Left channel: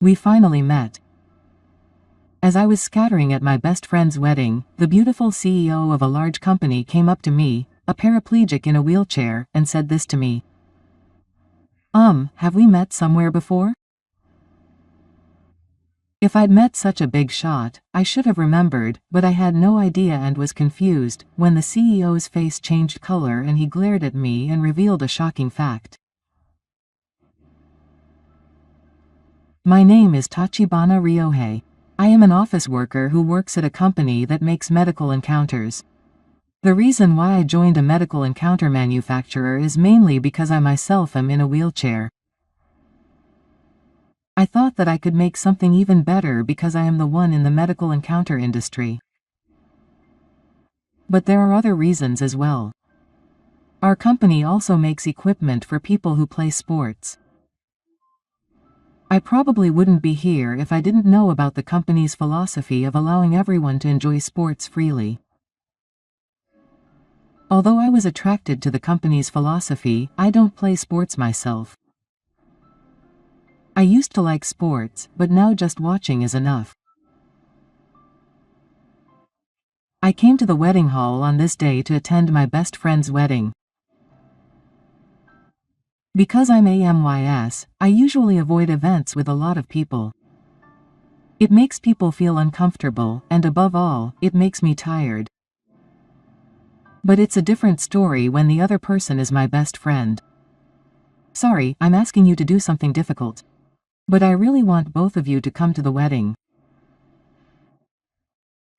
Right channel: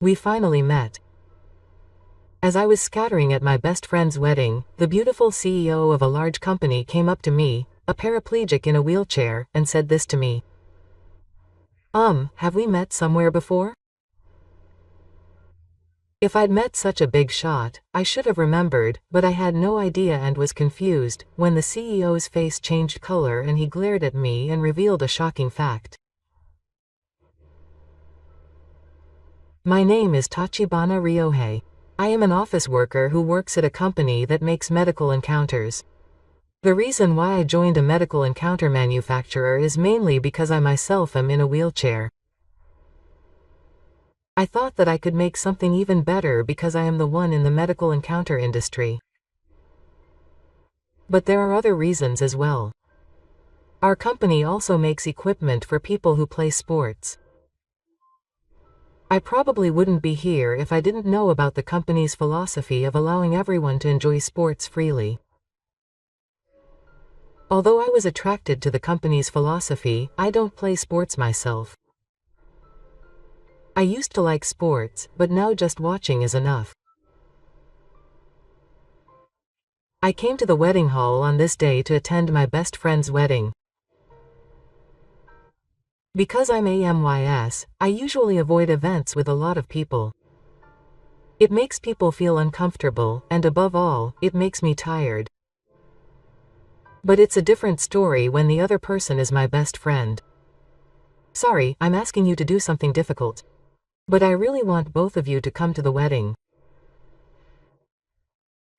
We finally met. As I was scattering at my best friend's wedding, the beautiful CEO of a large company came up to me, a paraplegic in a wheelchair, and said this to me. Have we met somewhere before? If I'd met such a big shot, I should have remembered, but I had no idea and was confused, when the CEO's face changed color and he glared at me and revealed a shocking fact. My name is Tachibana Ryohei. I am an office worker who works at a company that makes medical encounters. The reason why I joined a medical encounter manufacturer is mainly because I myself am in a wheelchair. I thought that I could make something even better because I am the one in the medical encounter industry. But there are other reasons as well. Our company also makes equipment for people who play sports. I probably wouldn't be here if I didn't know about the company's philosophy of allowing everyone to enjoy sports freely. Although I was attracted to the company's philosophy, I don't play sports myself. I used to like sports, but now just watching is enough. I came to the wedding hall on this day to attend my best friend's wedding. Because I'm AMYS, I usually avoid events with a lot of people. It makes people feel uncomfortable, and above all, it makes me tired. But it's a different story when the other person is my best friend. Sorry, I'm asking you to do something difficult. But I really want both of you to come to the wedding.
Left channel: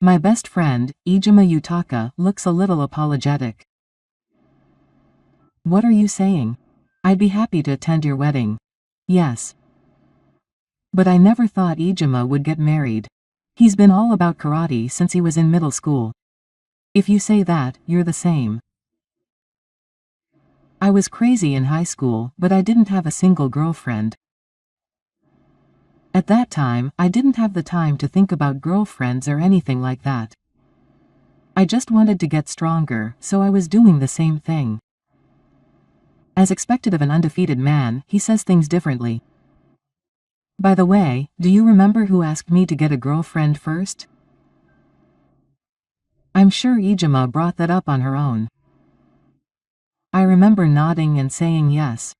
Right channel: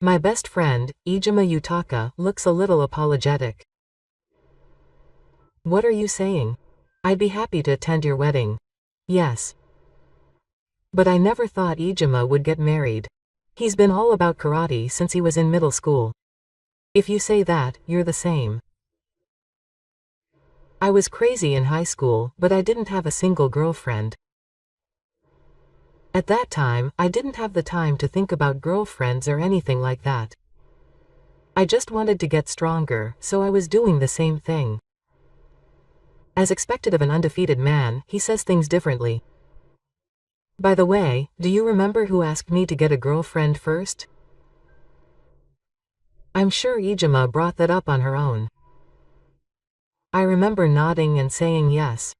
My best friend, Ijima Yutaka, looks a little apologetic. What are you saying? I'd be happy to attend your wedding. Yes. But I never thought Ijima would get married. He's been all about karate since he was in middle school. If you say that, you're the same. I was crazy in high school, but I didn't have a single girlfriend. At that time, I didn't have the time to think about girlfriends or anything like that. I just wanted to get stronger, so I was doing the same thing. As expected of an undefeated man, he says things differently. By the way, do you remember who asked me to get a girlfriend first? I'm sure Ijima brought that up on her own. I remember nodding and saying yes.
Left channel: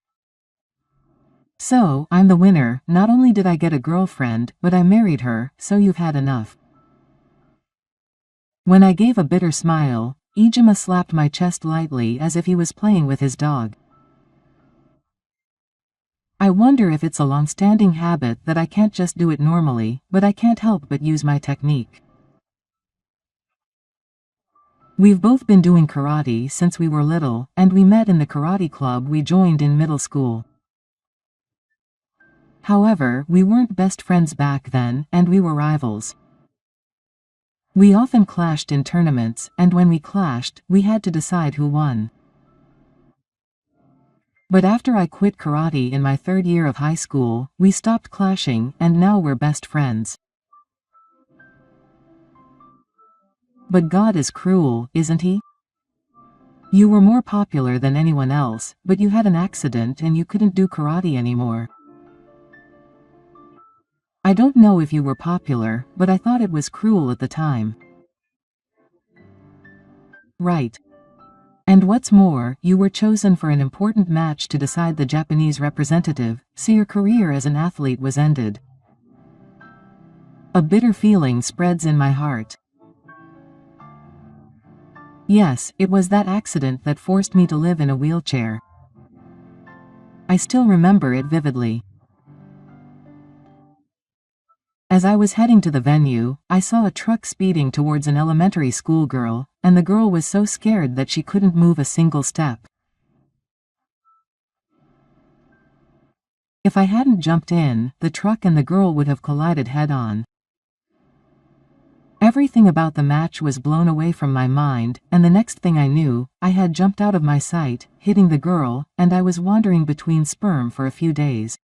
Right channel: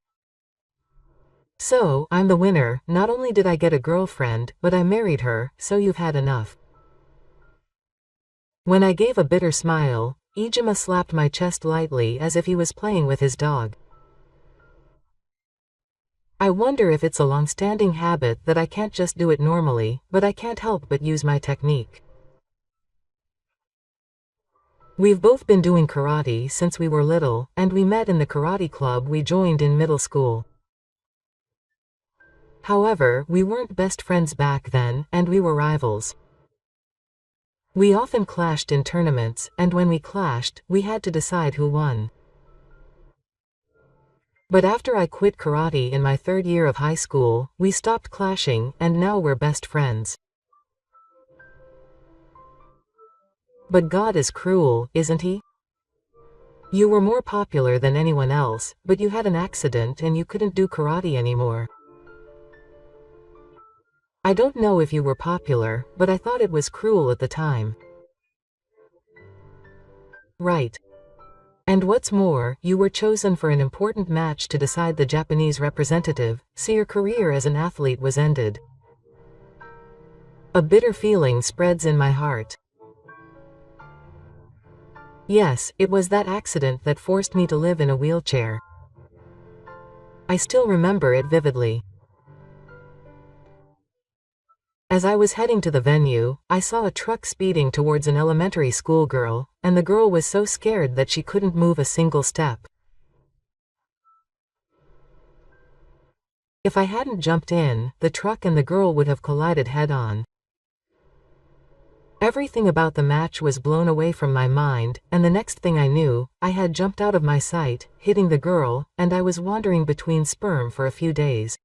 So, I'm the winner. Not only did I get a girlfriend, but I married her, so you've had enough. When I gave a bitter smile, Ijima slapped my chest lightly as if he was playing with his dog. I wonder if it's a long-standing habit that I can't just do it normally, but I can't help but use my technique. We've both been doing karate since we were little, and we met in the karate club we joined in middle school. However, we weren't best friends back then, and we were rivals. We often clashed in tournaments, and when we clashed, we had to decide who won. But after I quit karate in my third year of high school, we stopped clashing, and now we're best friends. But God is cruel, isn't he? You were more popular than anyone else, but you had an accident and you couldn't do karate anymore. I don't know if you were popular, but I thought it was cruel at the time. Right. And what's more, you were chosen for an important match to decide the Japanese representative, so your career as an athlete was ended. A bitter feeling spreads in my heart. Yes, it was that accident that forced me to live in a wheelchair. I still remember it vividly. As I was heading to the venue, I saw a truck speeding towards an elementary school girl, and the girl was so scared that she couldn't move a single step. If I hadn't jumped in, the truck and the girl would have collided head-on. Everything about the match was blown away from my mind, and the next thing I knew, I had jumped out of my sight, hitting the girl, and I was wandering between sperm for a few days.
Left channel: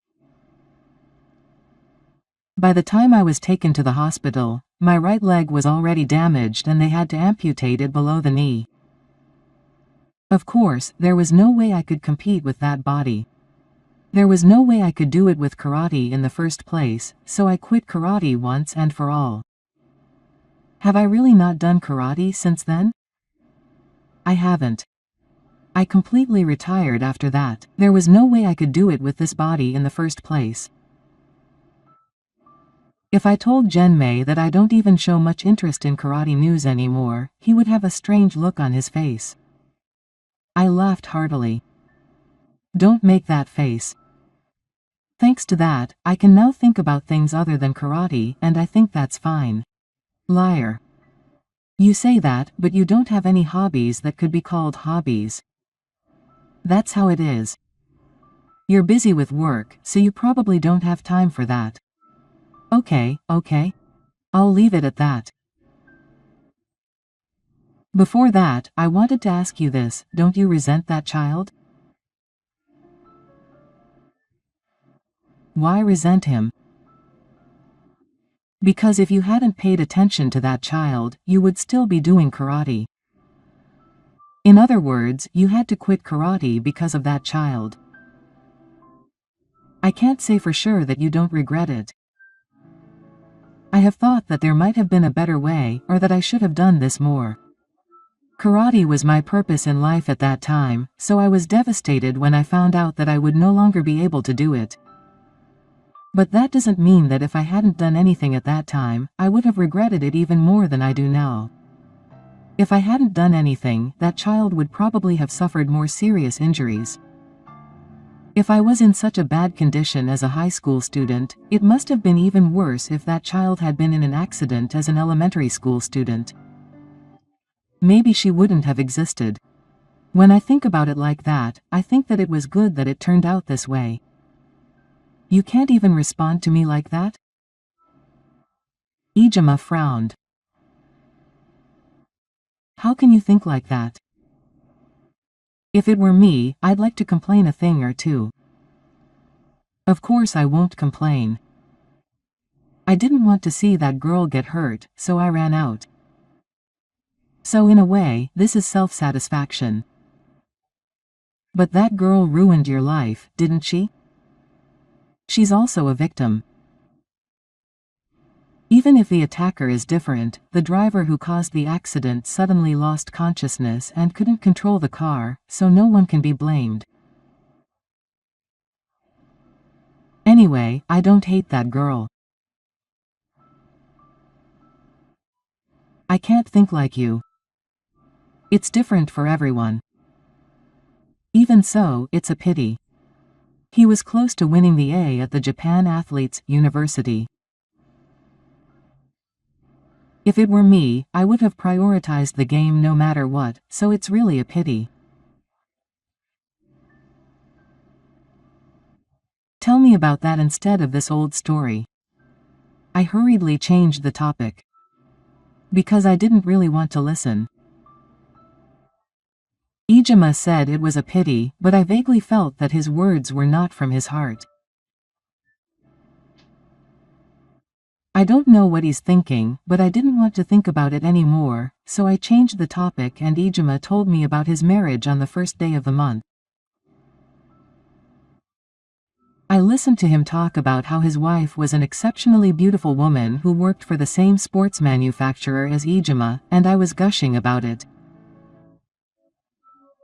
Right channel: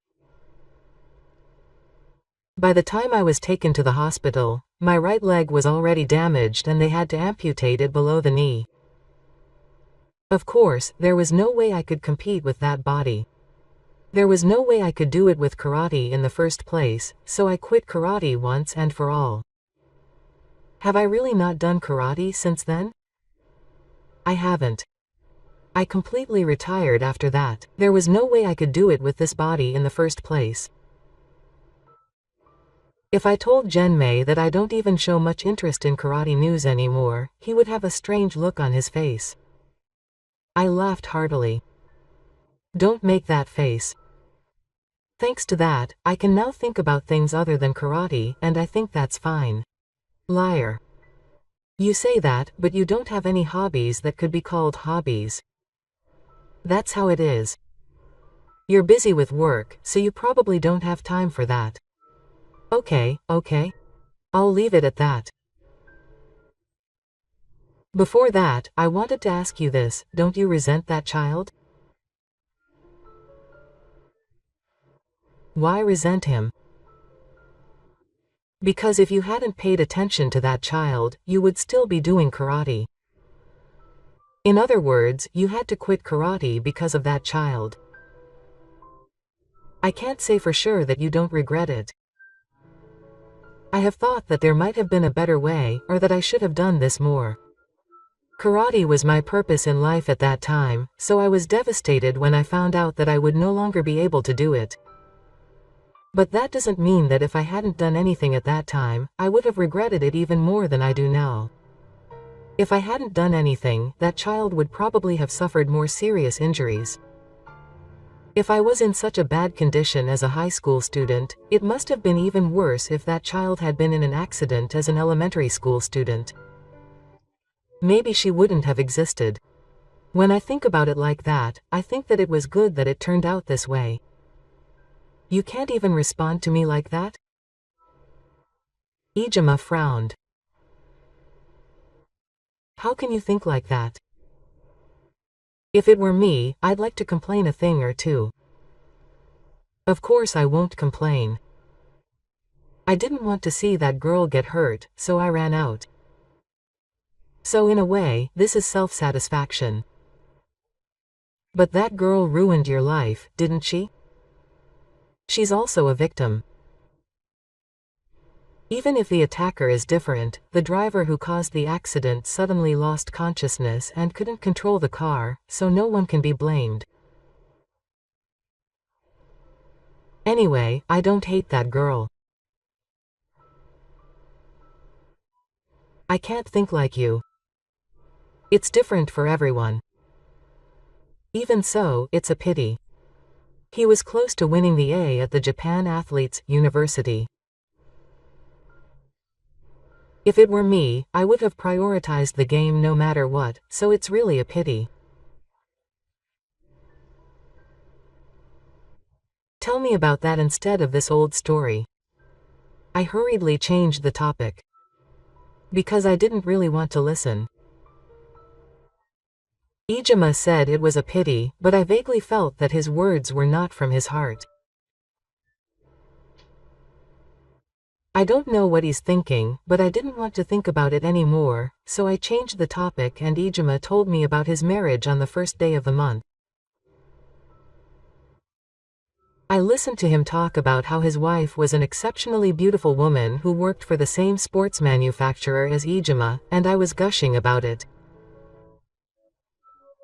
By the time I was taken to the hospital, my right leg was already damaged and they had to amputate it below the knee. Of course, there was no way I could compete with that body. There was no way I could do it with karate in the first place, so I quit karate once and for all. Have I really not done karate since then? I haven't. I completely retired after that. There was no way I could do it with this body in the first place. If I told Genmei that I don't even show much interest in karate news anymore, he would have a strange look on his face. I laughed heartily. Don't make that face. Thanks to that, I can now think about things other than karate, and I think that's fine. Liar. You say that, but you don't have any hobbies that could be called hobbies. That's how it is. You're busy with work, so you probably don't have time for that. Okay. I'll leave it at that. Before that, I wanted to ask you this, don't you resent that child? Why resent him? Because if you hadn't paid attention to that child, you would still be doing karate. In other words, you had to quit karate because of that child. I can't say for sure that you don't regret it. I have thought that there might have been a better way, or that I should have done this more. Karate was my purpose in life at that time, so I was devastated when I found out that I would no longer be able to do it. But that doesn't mean that if I hadn't done anything at that time, I would have regretted it even more than I do now. If I hadn't done anything, that child would probably have suffered more serious injuries. If I was in such a bad condition as a high school student, it must have been even worse if that child had been in an accident as an elementary school student. Maybe she wouldn't have existed. When I think about it like that, I think that it was good that it turned out this way. You can't even respond to me like that? Ijima frowned. How can you think like that? If it were me, I'd like to complain a thing or two. Of course I won't complain. I didn't want to see that girl get hurt, so I ran out. So in a way, this is self-satisfaction. But that girl ruined your life, didn't she? She's also a victim. Even if the attacker is different, the driver who caused the accident suddenly lost consciousness and couldn't control the car, so no one can be blamed. Anyway, I don't hate that girl. I can't think like you. It's different for everyone. Even so, it's a pity. He was close to winning the A at the Japan Athletes University. If it were me, I would have prioritized the game no matter what, so it's really a pity. Tell me about that instead of this old story. I hurriedly changed the topic. Because I didn't really want to listen. Ijima said it was a pity, but I vaguely felt that his words were not from his heart. I don't know what he's thinking, but I didn't want to think about it anymore, so I changed the topic and Ijima told me about his marriage on the first day of the month. I listened to him talk about how his wife was an exceptionally beautiful woman who worked for the same sports manufacturer as Ijima, and I was gushing about it.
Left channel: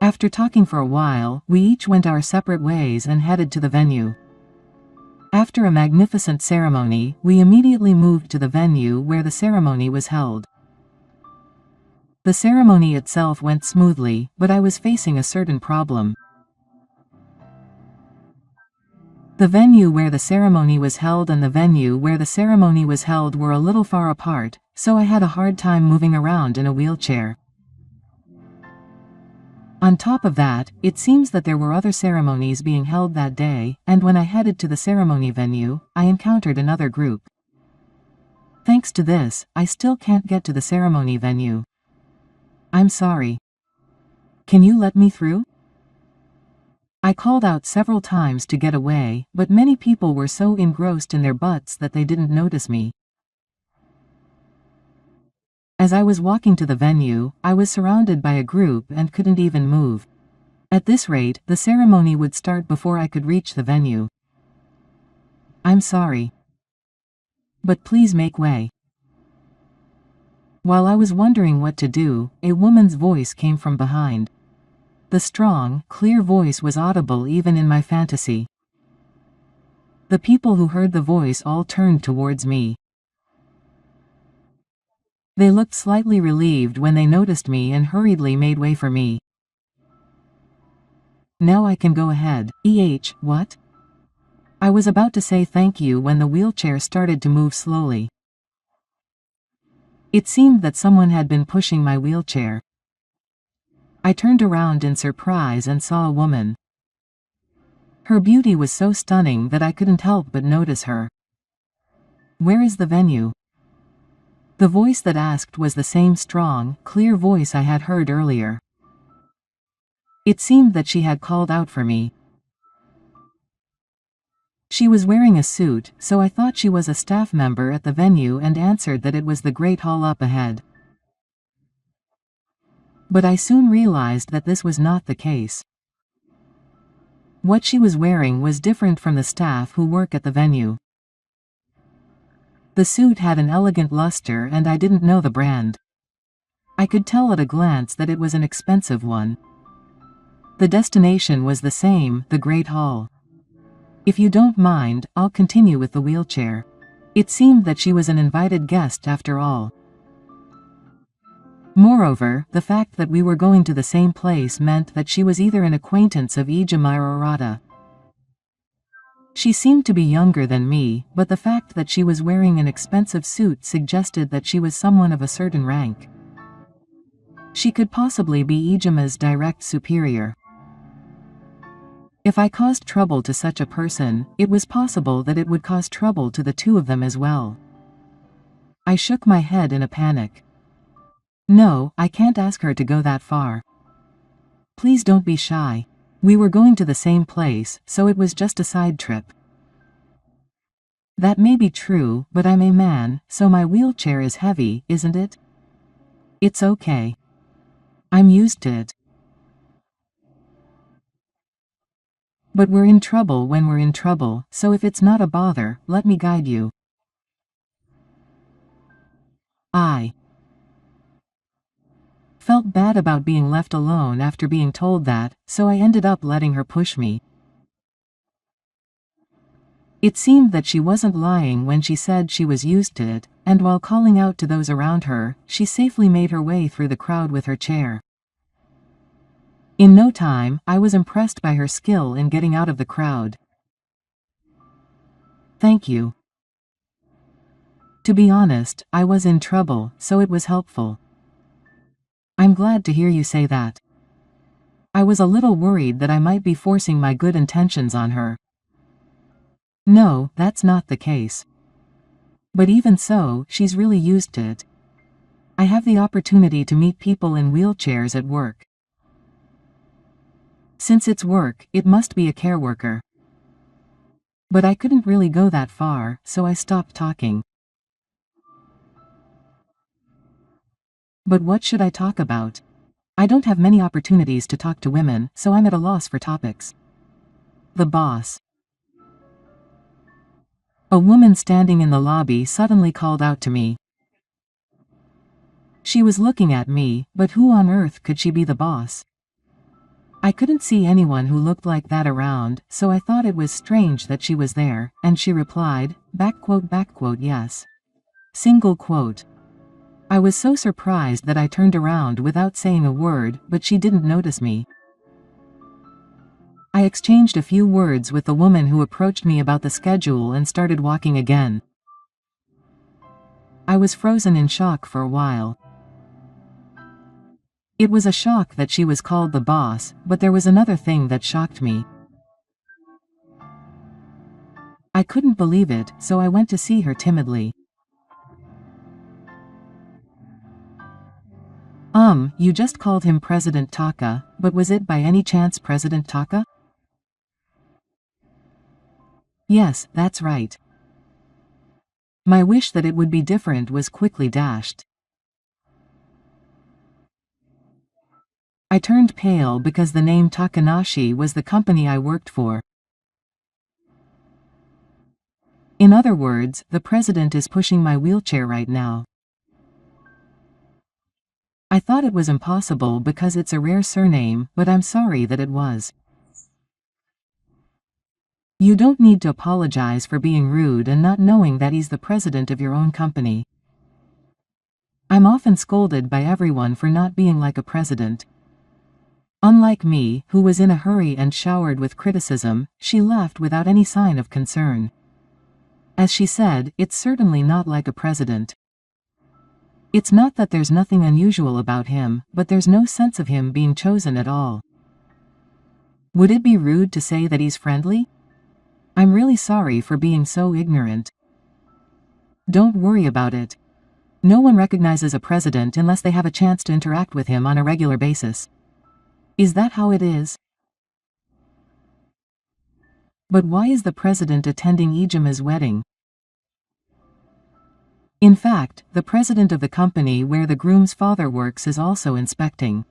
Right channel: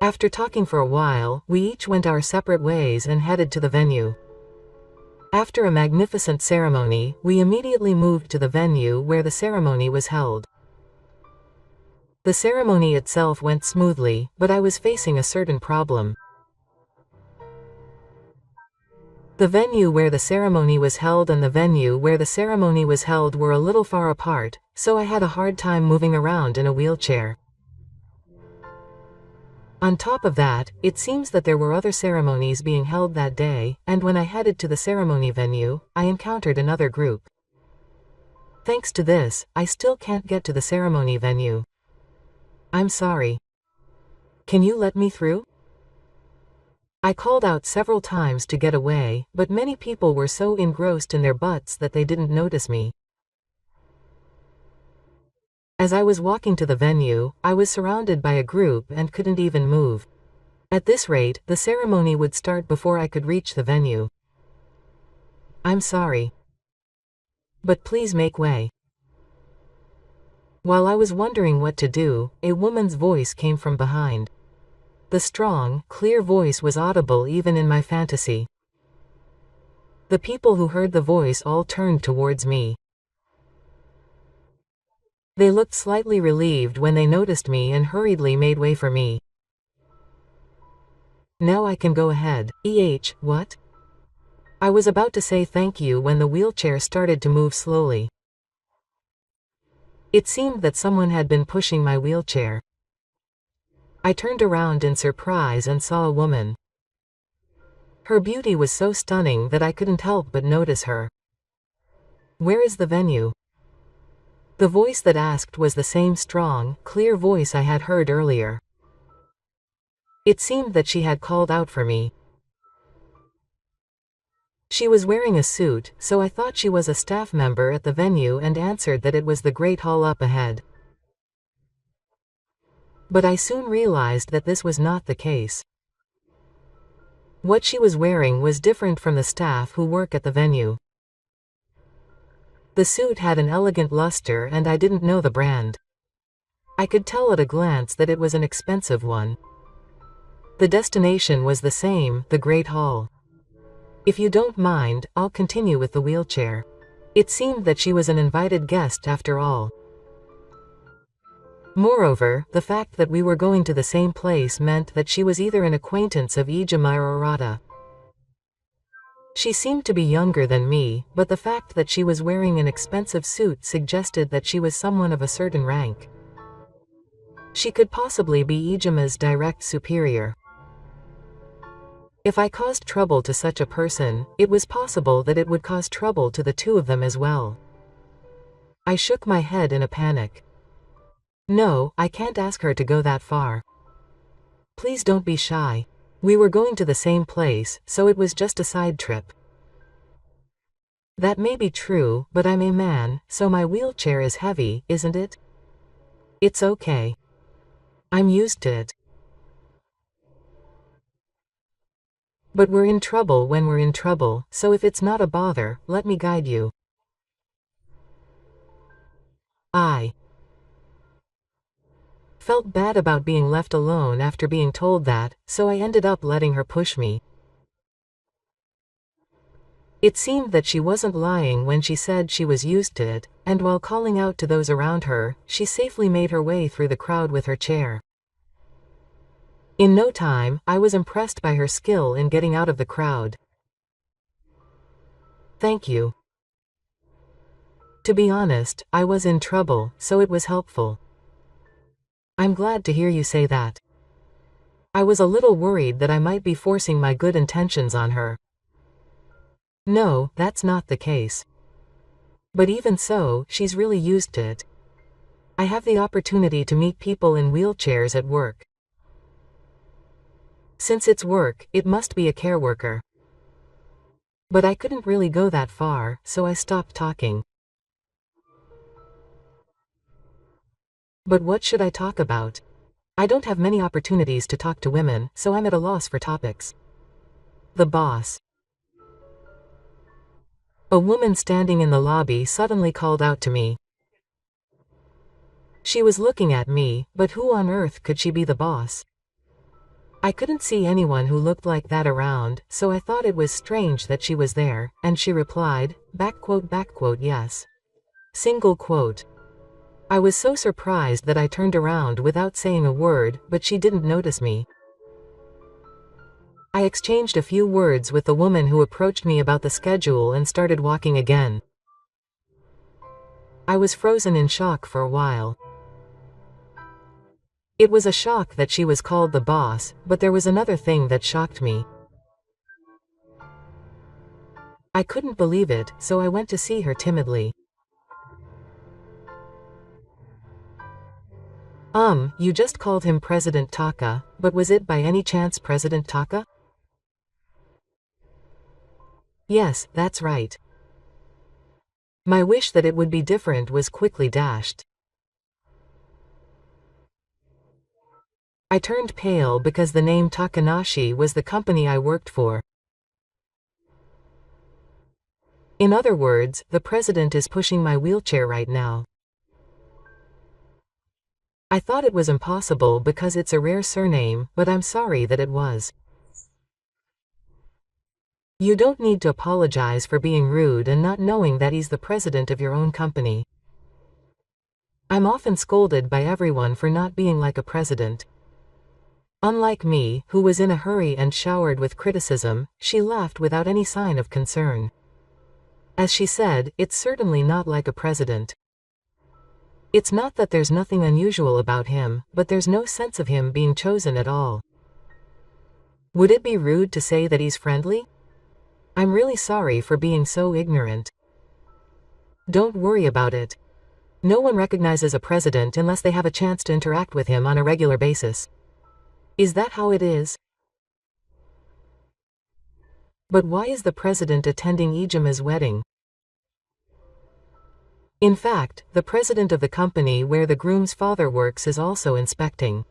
After talking for a while, we each went our separate ways and headed to the venue. After a magnificent ceremony, we immediately moved to the venue where the ceremony was held. The ceremony itself went smoothly, but I was facing a certain problem. The venue where the ceremony was held and the venue where the ceremony was held were a little far apart, so I had a hard time moving around in a wheelchair. On top of that, it seems that there were other ceremonies being held that day, and when I headed to the ceremony venue, I encountered another group. Thanks to this, I still can't get to the ceremony venue. I'm sorry. Can you let me through? I called out several times to get away, but many people were so engrossed in their butts that they didn't notice me. As I was walking to the venue, I was surrounded by a group and couldn't even move. At this rate, the ceremony would start before I could reach the venue. I'm sorry. But please make way. While I was wondering what to do, a woman's voice came from behind. The strong, clear voice was audible even in my fantasy. The people who heard the voice all turned towards me. They looked slightly relieved when they noticed me and hurriedly made way for me. Now I can go ahead. What? I was about to say thank you when the wheelchair started to move slowly. It seemed that someone had been pushing my wheelchair. I turned around in surprise and saw a woman. Her beauty was so stunning that I couldn't help but notice her. Where is the venue? The voice that asked was the same strong, clear voice I had heard earlier. It seemed that she had called out for me. She was wearing a suit, so I thought she was a staff member at the venue and answered that it was the Great Hall up ahead. But I soon realized that this was not the case. What she was wearing was different from the staff who work at the venue. The suit had an elegant luster and I didn't know the brand. I could tell at a glance that it was an expensive one. The destination was the same, the Great Hall. If you don't mind, I'll continue with the wheelchair. It seemed that she was an invited guest after all. Moreover, the fact that we were going to the same place meant that she was either an acquaintance of Ijima or Arata. She seemed to be younger than me, but the fact that she was wearing an expensive suit suggested that she was someone of a certain rank. She could possibly be Ijima's direct superior. If I caused trouble to such a person, it was possible that it would cause trouble to the two of them as well. I shook my head in a panic. No, I can't ask her to go that far. Please don't be shy. We were going to the same place, so it was just a side trip. That may be true, but I'm a man, so my wheelchair is heavy, isn't it? It's okay. I'm used to it. But we're in trouble when we're in trouble, so if it's not a bother, let me guide you. I felt bad about being left alone after being told that, so I ended up letting her push me. It seemed that she wasn't lying when she said she was used to it, and while calling out to those around her, she safely made her way through the crowd with her chair. In no time, I was impressed by her skill in getting out of the crowd. Thank you. To be honest, I was in trouble, so it was helpful. I'm glad to hear you say that. I was a little worried that I might be forcing my good intentions on her. No, that's not the case. But even so, she's really used to it. I have the opportunity to meet people in wheelchairs at work. Since it's work, it must be a care worker. But I couldn't really go that far, so I stopped talking. But what should I talk about? I don't have many opportunities to talk to women, so I'm at a loss for topics. The boss. A woman standing in the lobby suddenly called out to me. She was looking at me, but who on earth could she be the boss? I couldn't see anyone who looked like that around, so I thought it was strange that she was there, and she replied, yes. Single quote. I was so surprised that I turned around without saying a word, but she didn't notice me. I exchanged a few words with the woman who approached me about the schedule and started walking again. I was frozen in shock for a while. It was a shock that she was called the boss, but there was another thing that shocked me. I couldn't believe it, so I went to see her timidly. You just called him President Taka, but was it by any chance President Taka? Yes, that's right. My wish that it would be different was quickly dashed. I turned pale because the name Takanashi was the company I worked for. In other words, the president is pushing my wheelchair right now. I thought it was impossible because it's a rare surname, but I'm sorry that it was. You don't need to apologize for being rude and not knowing that he's the president of your own company. I'm often scolded by everyone for not being like a president. Unlike me, who was in a hurry and showered with criticism, she laughed without any sign of concern. As she said, it's certainly not like a president. It's not that there's nothing unusual about him, but there's no sense of him being chosen at all. Would it be rude to say that he's friendly? I'm really sorry for being so ignorant. Don't worry about it. No one recognizes a president unless they have a chance to interact with him on a regular basis. Is that how it is? But why is the president attending Ijuma's wedding? In fact, the president of the company where the groom's father works is also inspecting.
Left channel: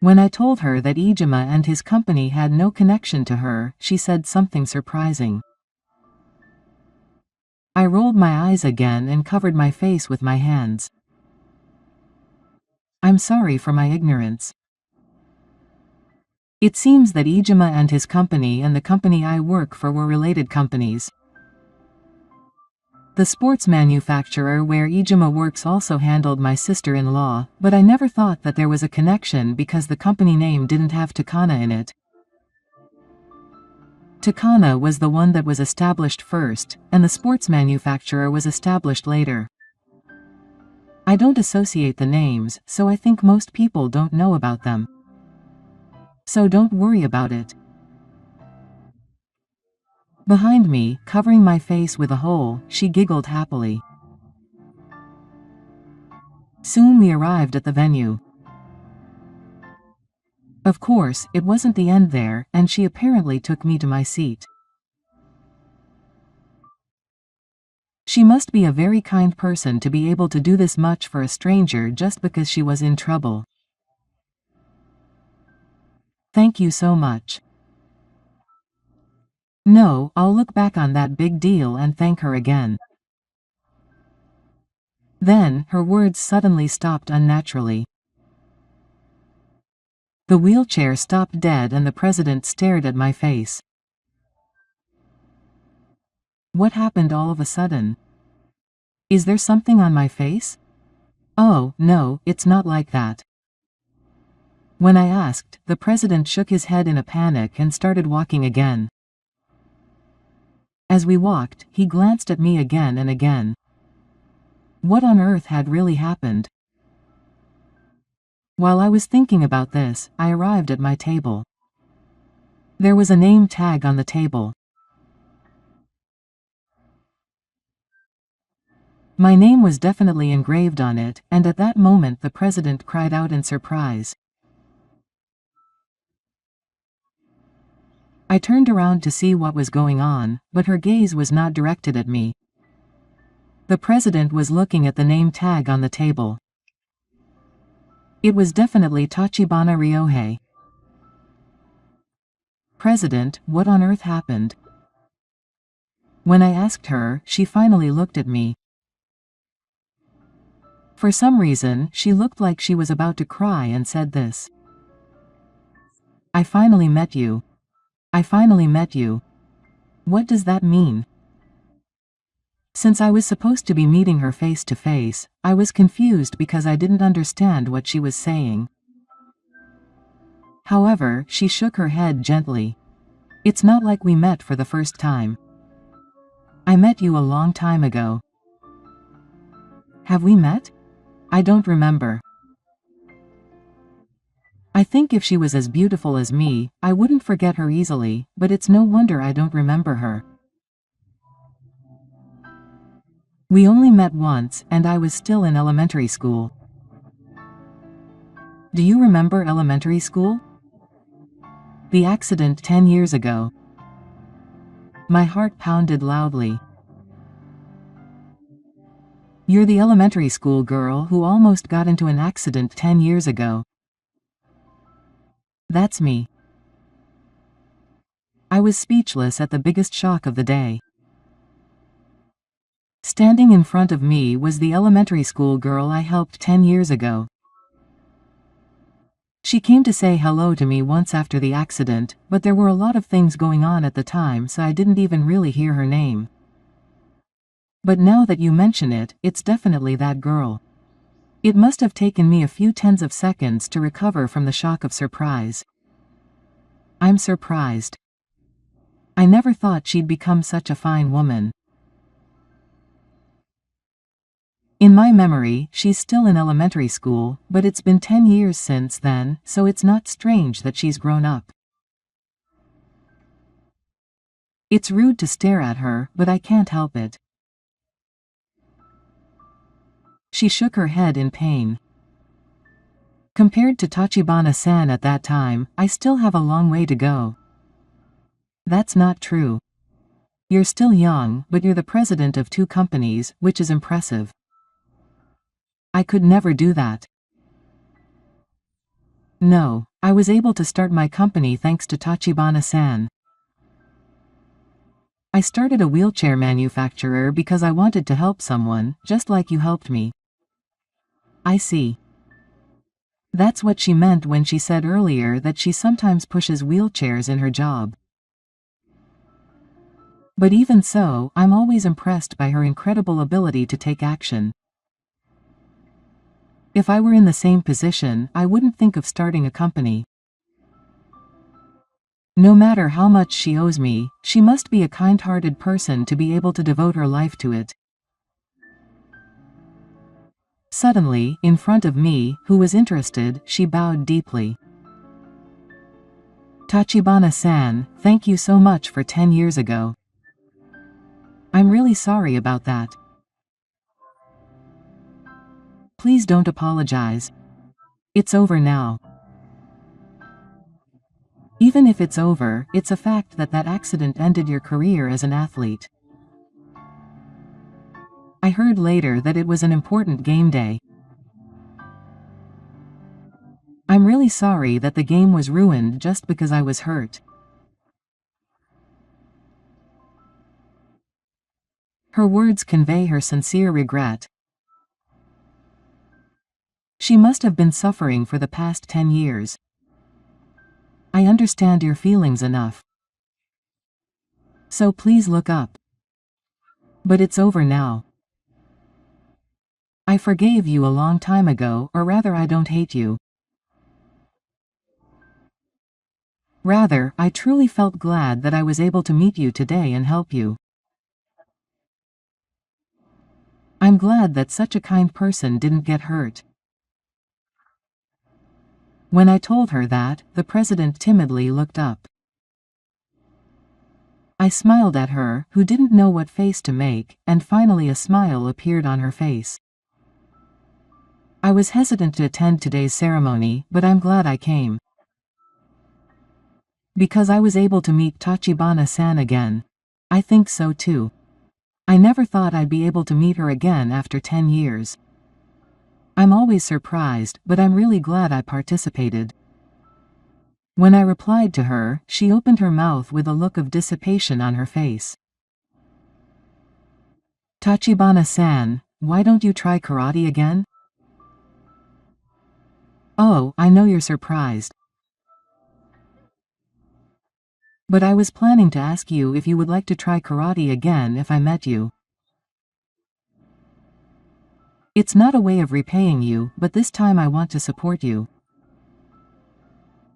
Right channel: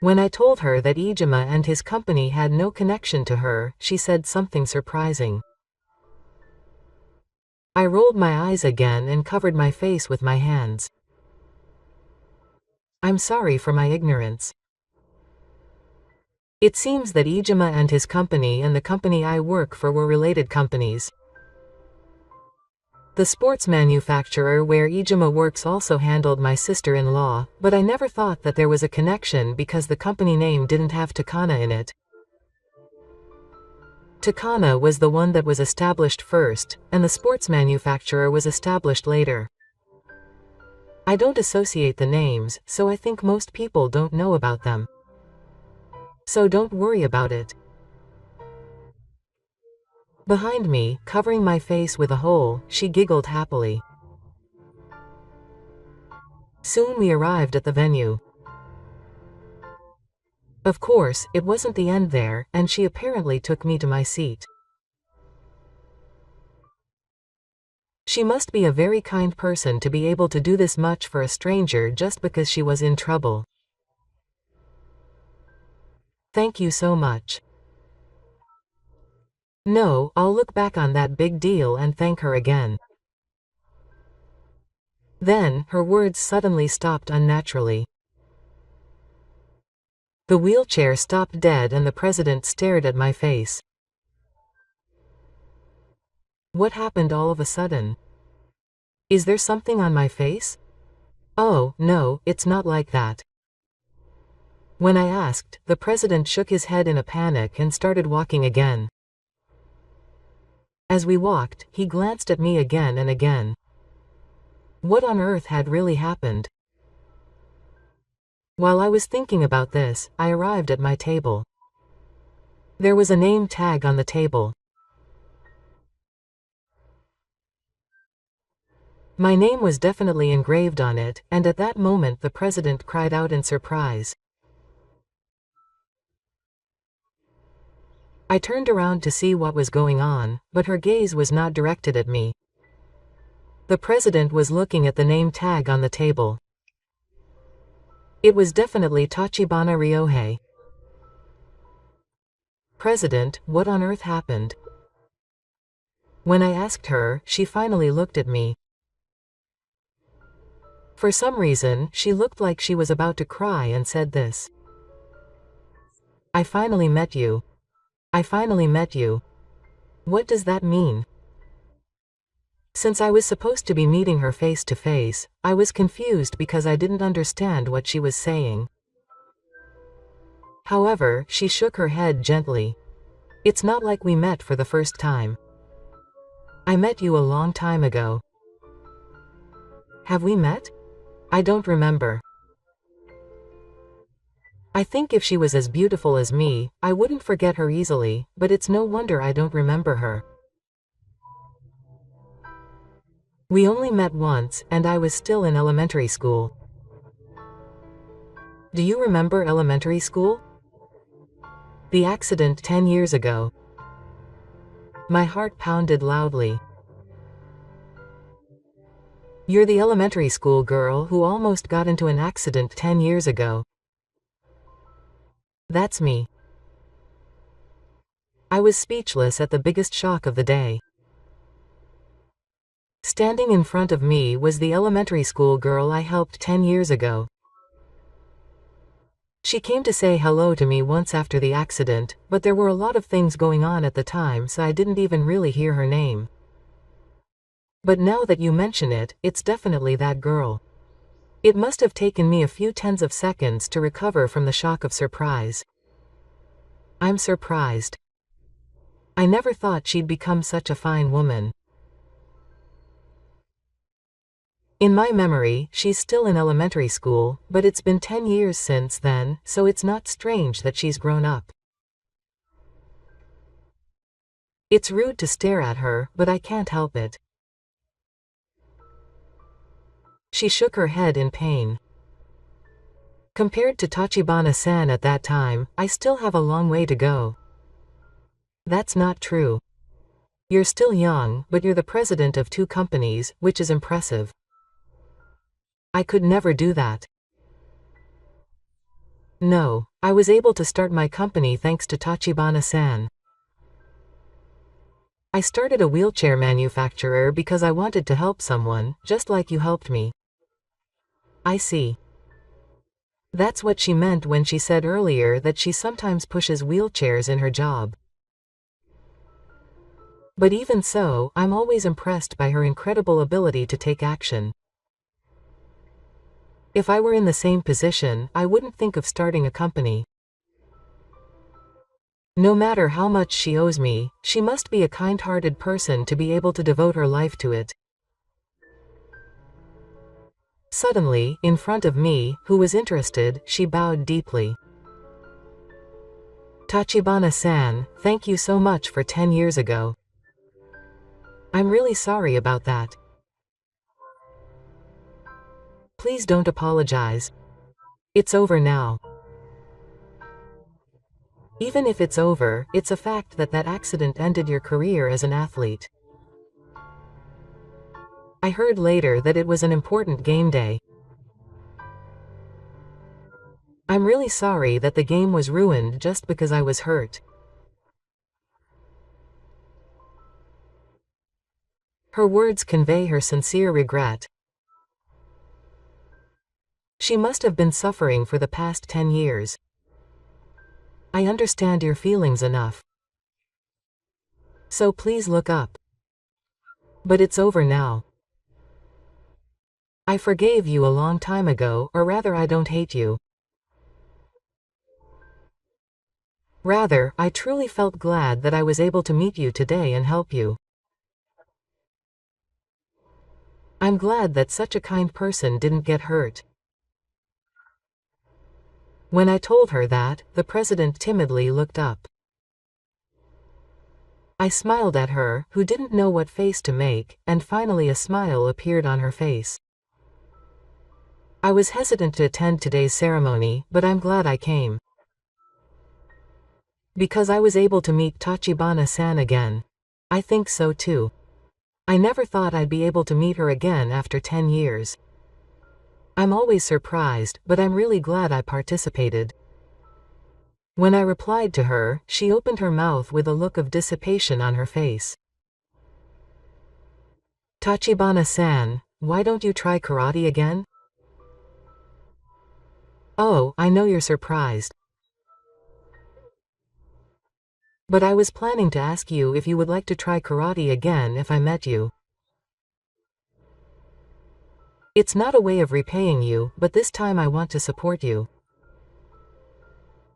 When I told her that Ijuma and his company had no connection to her, she said something surprising. I rolled my eyes again and covered my face with my hands. I'm sorry for my ignorance. It seems that Ijuma and his company and the company I work for were related companies. The sports manufacturer where Ijuma works also handled my sister-in-law, but I never thought that there was a connection because the company name didn't have Takana in it. Takana was the one that was established first, and the sports manufacturer was established later. I don't associate the names, so I think most people don't know about them. So don't worry about it. Behind me, covering my face with a hole, she giggled happily. Soon we arrived at the venue. Of course, it wasn't the end there, and she apparently took me to my seat. She must be a very kind person to be able to do this much for a stranger just because she was in trouble. Thank you so much. No, I'll look back on that big deal and thank her again. Then, her words suddenly stopped unnaturally. The wheelchair stopped dead and the president stared at my face. What happened all of a sudden? Is there something on my face? Oh, no, it's not like that. When I asked, the president shook his head in a panic and started walking again. As we walked, he glanced at me again and again. What on earth had really happened? While I was thinking about this, I arrived at my table. There was a name tag on the table. My name was definitely engraved on it, and at that moment the president cried out in surprise. I turned around to see what was going on, but her gaze was not directed at me. The president was looking at the name tag on the table. It was definitely Tachibana Ryohei. President, what on earth happened? When I asked her, she finally looked at me. For some reason, she looked like she was about to cry and said this. I finally met you. I finally met you. What does that mean? Since I was supposed to be meeting her face to face, I was confused because I didn't understand what she was saying. However, she shook her head gently. It's not like we met for the first time. I met you a long time ago. Have we met? I don't remember. I think if she was as beautiful as me, I wouldn't forget her easily, but it's no wonder I don't remember her. We only met once, and I was still in elementary school. Do you remember elementary school? The accident 10 years ago. My heart pounded loudly. You're the elementary school girl who almost got into an accident 10 years ago. That's me. I was speechless at the biggest shock of the day. Standing in front of me was the elementary school girl I helped 10 years ago. She came to say hello to me once after the accident, but there were a lot of things going on at the time, so I didn't even really hear her name. But now that you mention it, it's definitely that girl. It must have taken me a few tens of seconds to recover from the shock of surprise. I'm surprised. I never thought she'd become such a fine woman. In my memory, she's still in elementary school, but it's been 10 years since then, so it's not strange that she's grown up. It's rude to stare at her, but I can't help it. She shook her head in pain. Compared to Tachibana-san at that time, I still have a long way to go. That's not true. You're still young, but you're the president of 2 companies, which is impressive. I could never do that. No, I was able to start my company thanks to Tachibana-san. I started a wheelchair manufacturer because I wanted to help someone, just like you helped me. I see. That's what she meant when she said earlier that she sometimes pushes wheelchairs in her job. But even so, I'm always impressed by her incredible ability to take action. If I were in the same position, I wouldn't think of starting a company. No matter how much she owes me, she must be a kind-hearted person to be able to devote her life to it. Suddenly, in front of me, who was interested, she bowed deeply. Tachibana-san, thank you so much for 10 years ago. I'm really sorry about that. Please don't apologize. It's over now. Even if it's over, it's a fact that that accident ended your career as an athlete. I heard later that it was an important game day. I'm really sorry that the game was ruined just because I was hurt. Her words convey her sincere regret. She must have been suffering for the past 10 years. I understand your feelings enough. So please look up. But it's over now. I forgave you a long time ago, or rather I don't hate you. Rather, I truly felt glad that I was able to meet you today and help you. I'm glad that such a kind person didn't get hurt. When I told her that, the president timidly looked up. I smiled at her, who didn't know what face to make, and finally a smile appeared on her face. I was hesitant to attend today's ceremony, but I'm glad I came. Because I was able to meet Tachibana-san again. I think so too. I never thought I'd be able to meet her again after 10 years. I'm always surprised, but I'm really glad I participated. When I replied to her, she opened her mouth with a look of dissipation on her face. Tachibana-san, why don't you try karate again? Oh, I know you're surprised. But I was planning to ask you if you would like to try karate again if I met you. It's not a way of repaying you, but this time I want to support you.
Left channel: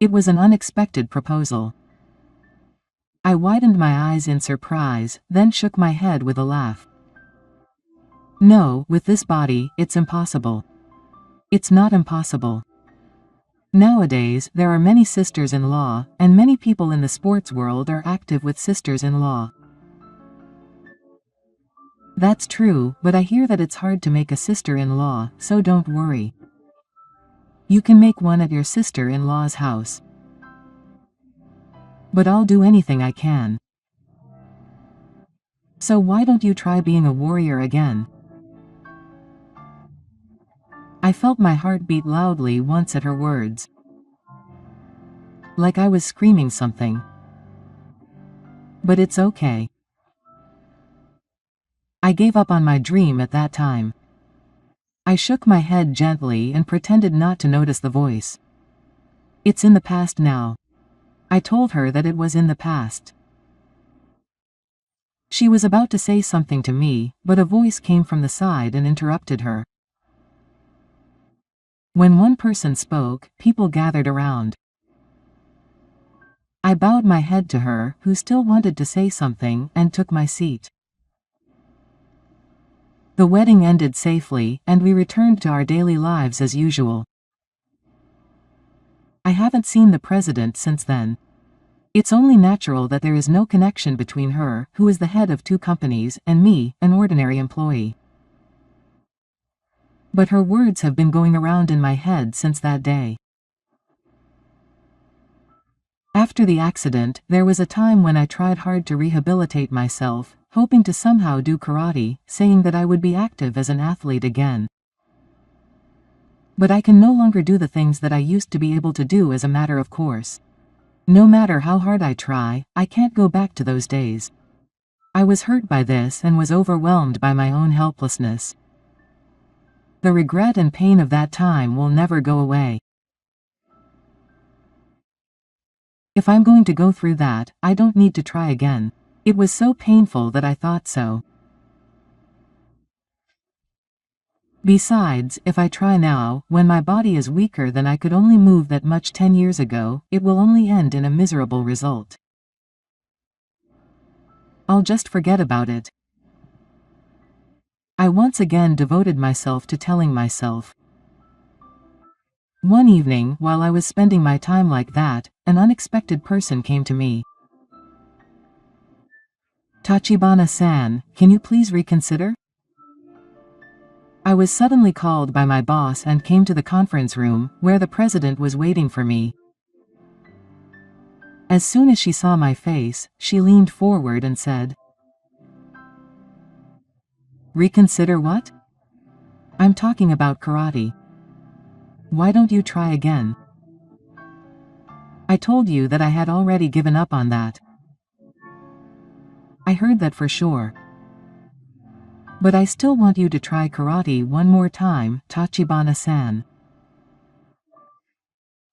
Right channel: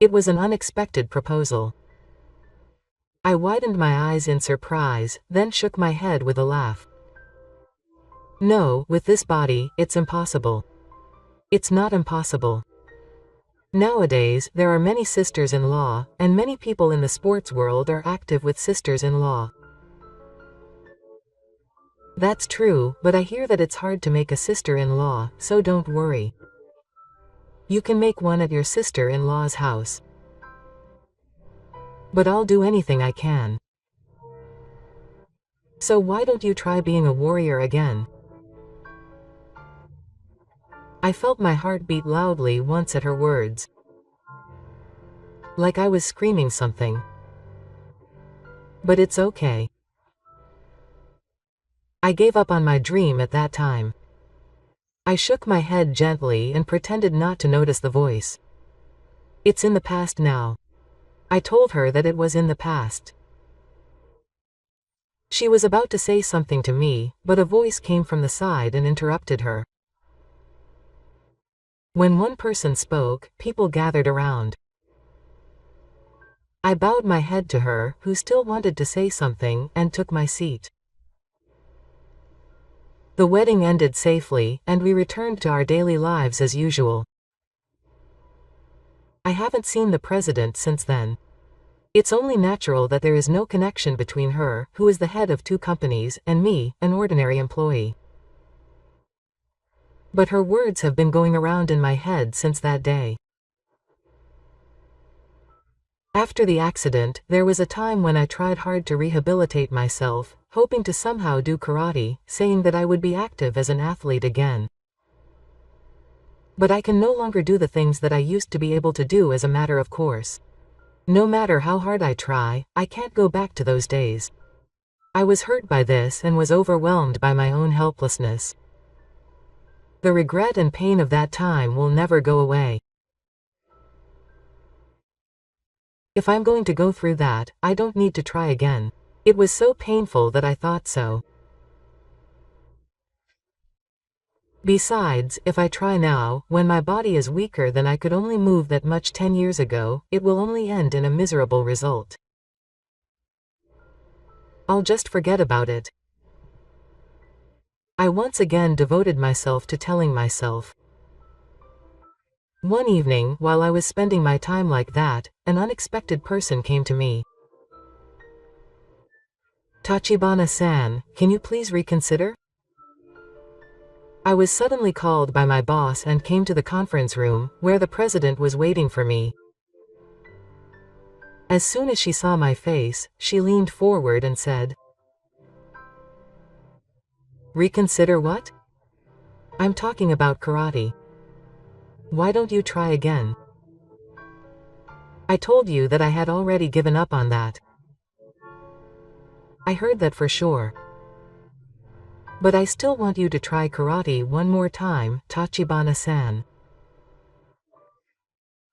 It was an unexpected proposal. I widened my eyes in surprise, then shook my head with a laugh. No, with this body, it's impossible. It's not impossible. Nowadays, there are many sisters-in-law, and many people in the sports world are active with sisters-in-law. That's true, but I hear that it's hard to make a sister-in-law, so don't worry. You can make one at your sister-in-law's house. But I'll do anything I can. So why don't you try being a warrior again? I felt my heart beat loudly once at her words. like I was screaming something. But it's okay. I gave up on my dream at that time. I shook my head gently and pretended not to notice the voice. It's in the past now. I told her that it was in the past. She was about to say something to me, but a voice came from the side and interrupted her. When one person spoke, people gathered around. I bowed my head to her, who still wanted to say something, and took my seat. The wedding ended safely, and we returned to our daily lives as usual. I haven't seen the president since then. It's only natural that there is no connection between her, who is the head of 2 companies, and me, an ordinary employee. But her words have been going around in my head since that day. After the accident, there was a time when I tried hard to rehabilitate myself, hoping to somehow do karate, saying that I would be active as an athlete again. But I can no longer do the things that I used to be able to do as a matter of course. No matter how hard I try, I can't go back to those days. I was hurt by this and was overwhelmed by my own helplessness. The regret and pain of that time will never go away. If I'm going to go through that, I don't need to try again. It was so painful that I thought so. Besides, if I try now, when my body is weaker than I could only move that much 10 years ago, it will only end in a miserable result. I'll just forget about it. I once again devoted myself to telling myself. One evening, while I was spending my time like that, an unexpected person came to me. Tachibana-san, can you please reconsider? I was suddenly called by my boss and came to the conference room, where the president was waiting for me. As soon as she saw my face, she leaned forward and said, "Reconsider what? I'm talking about karate. Why don't you try again? I told you that I had already given up on that." I heard that for sure. But I still want you to try karate one more time, Tachibana-san.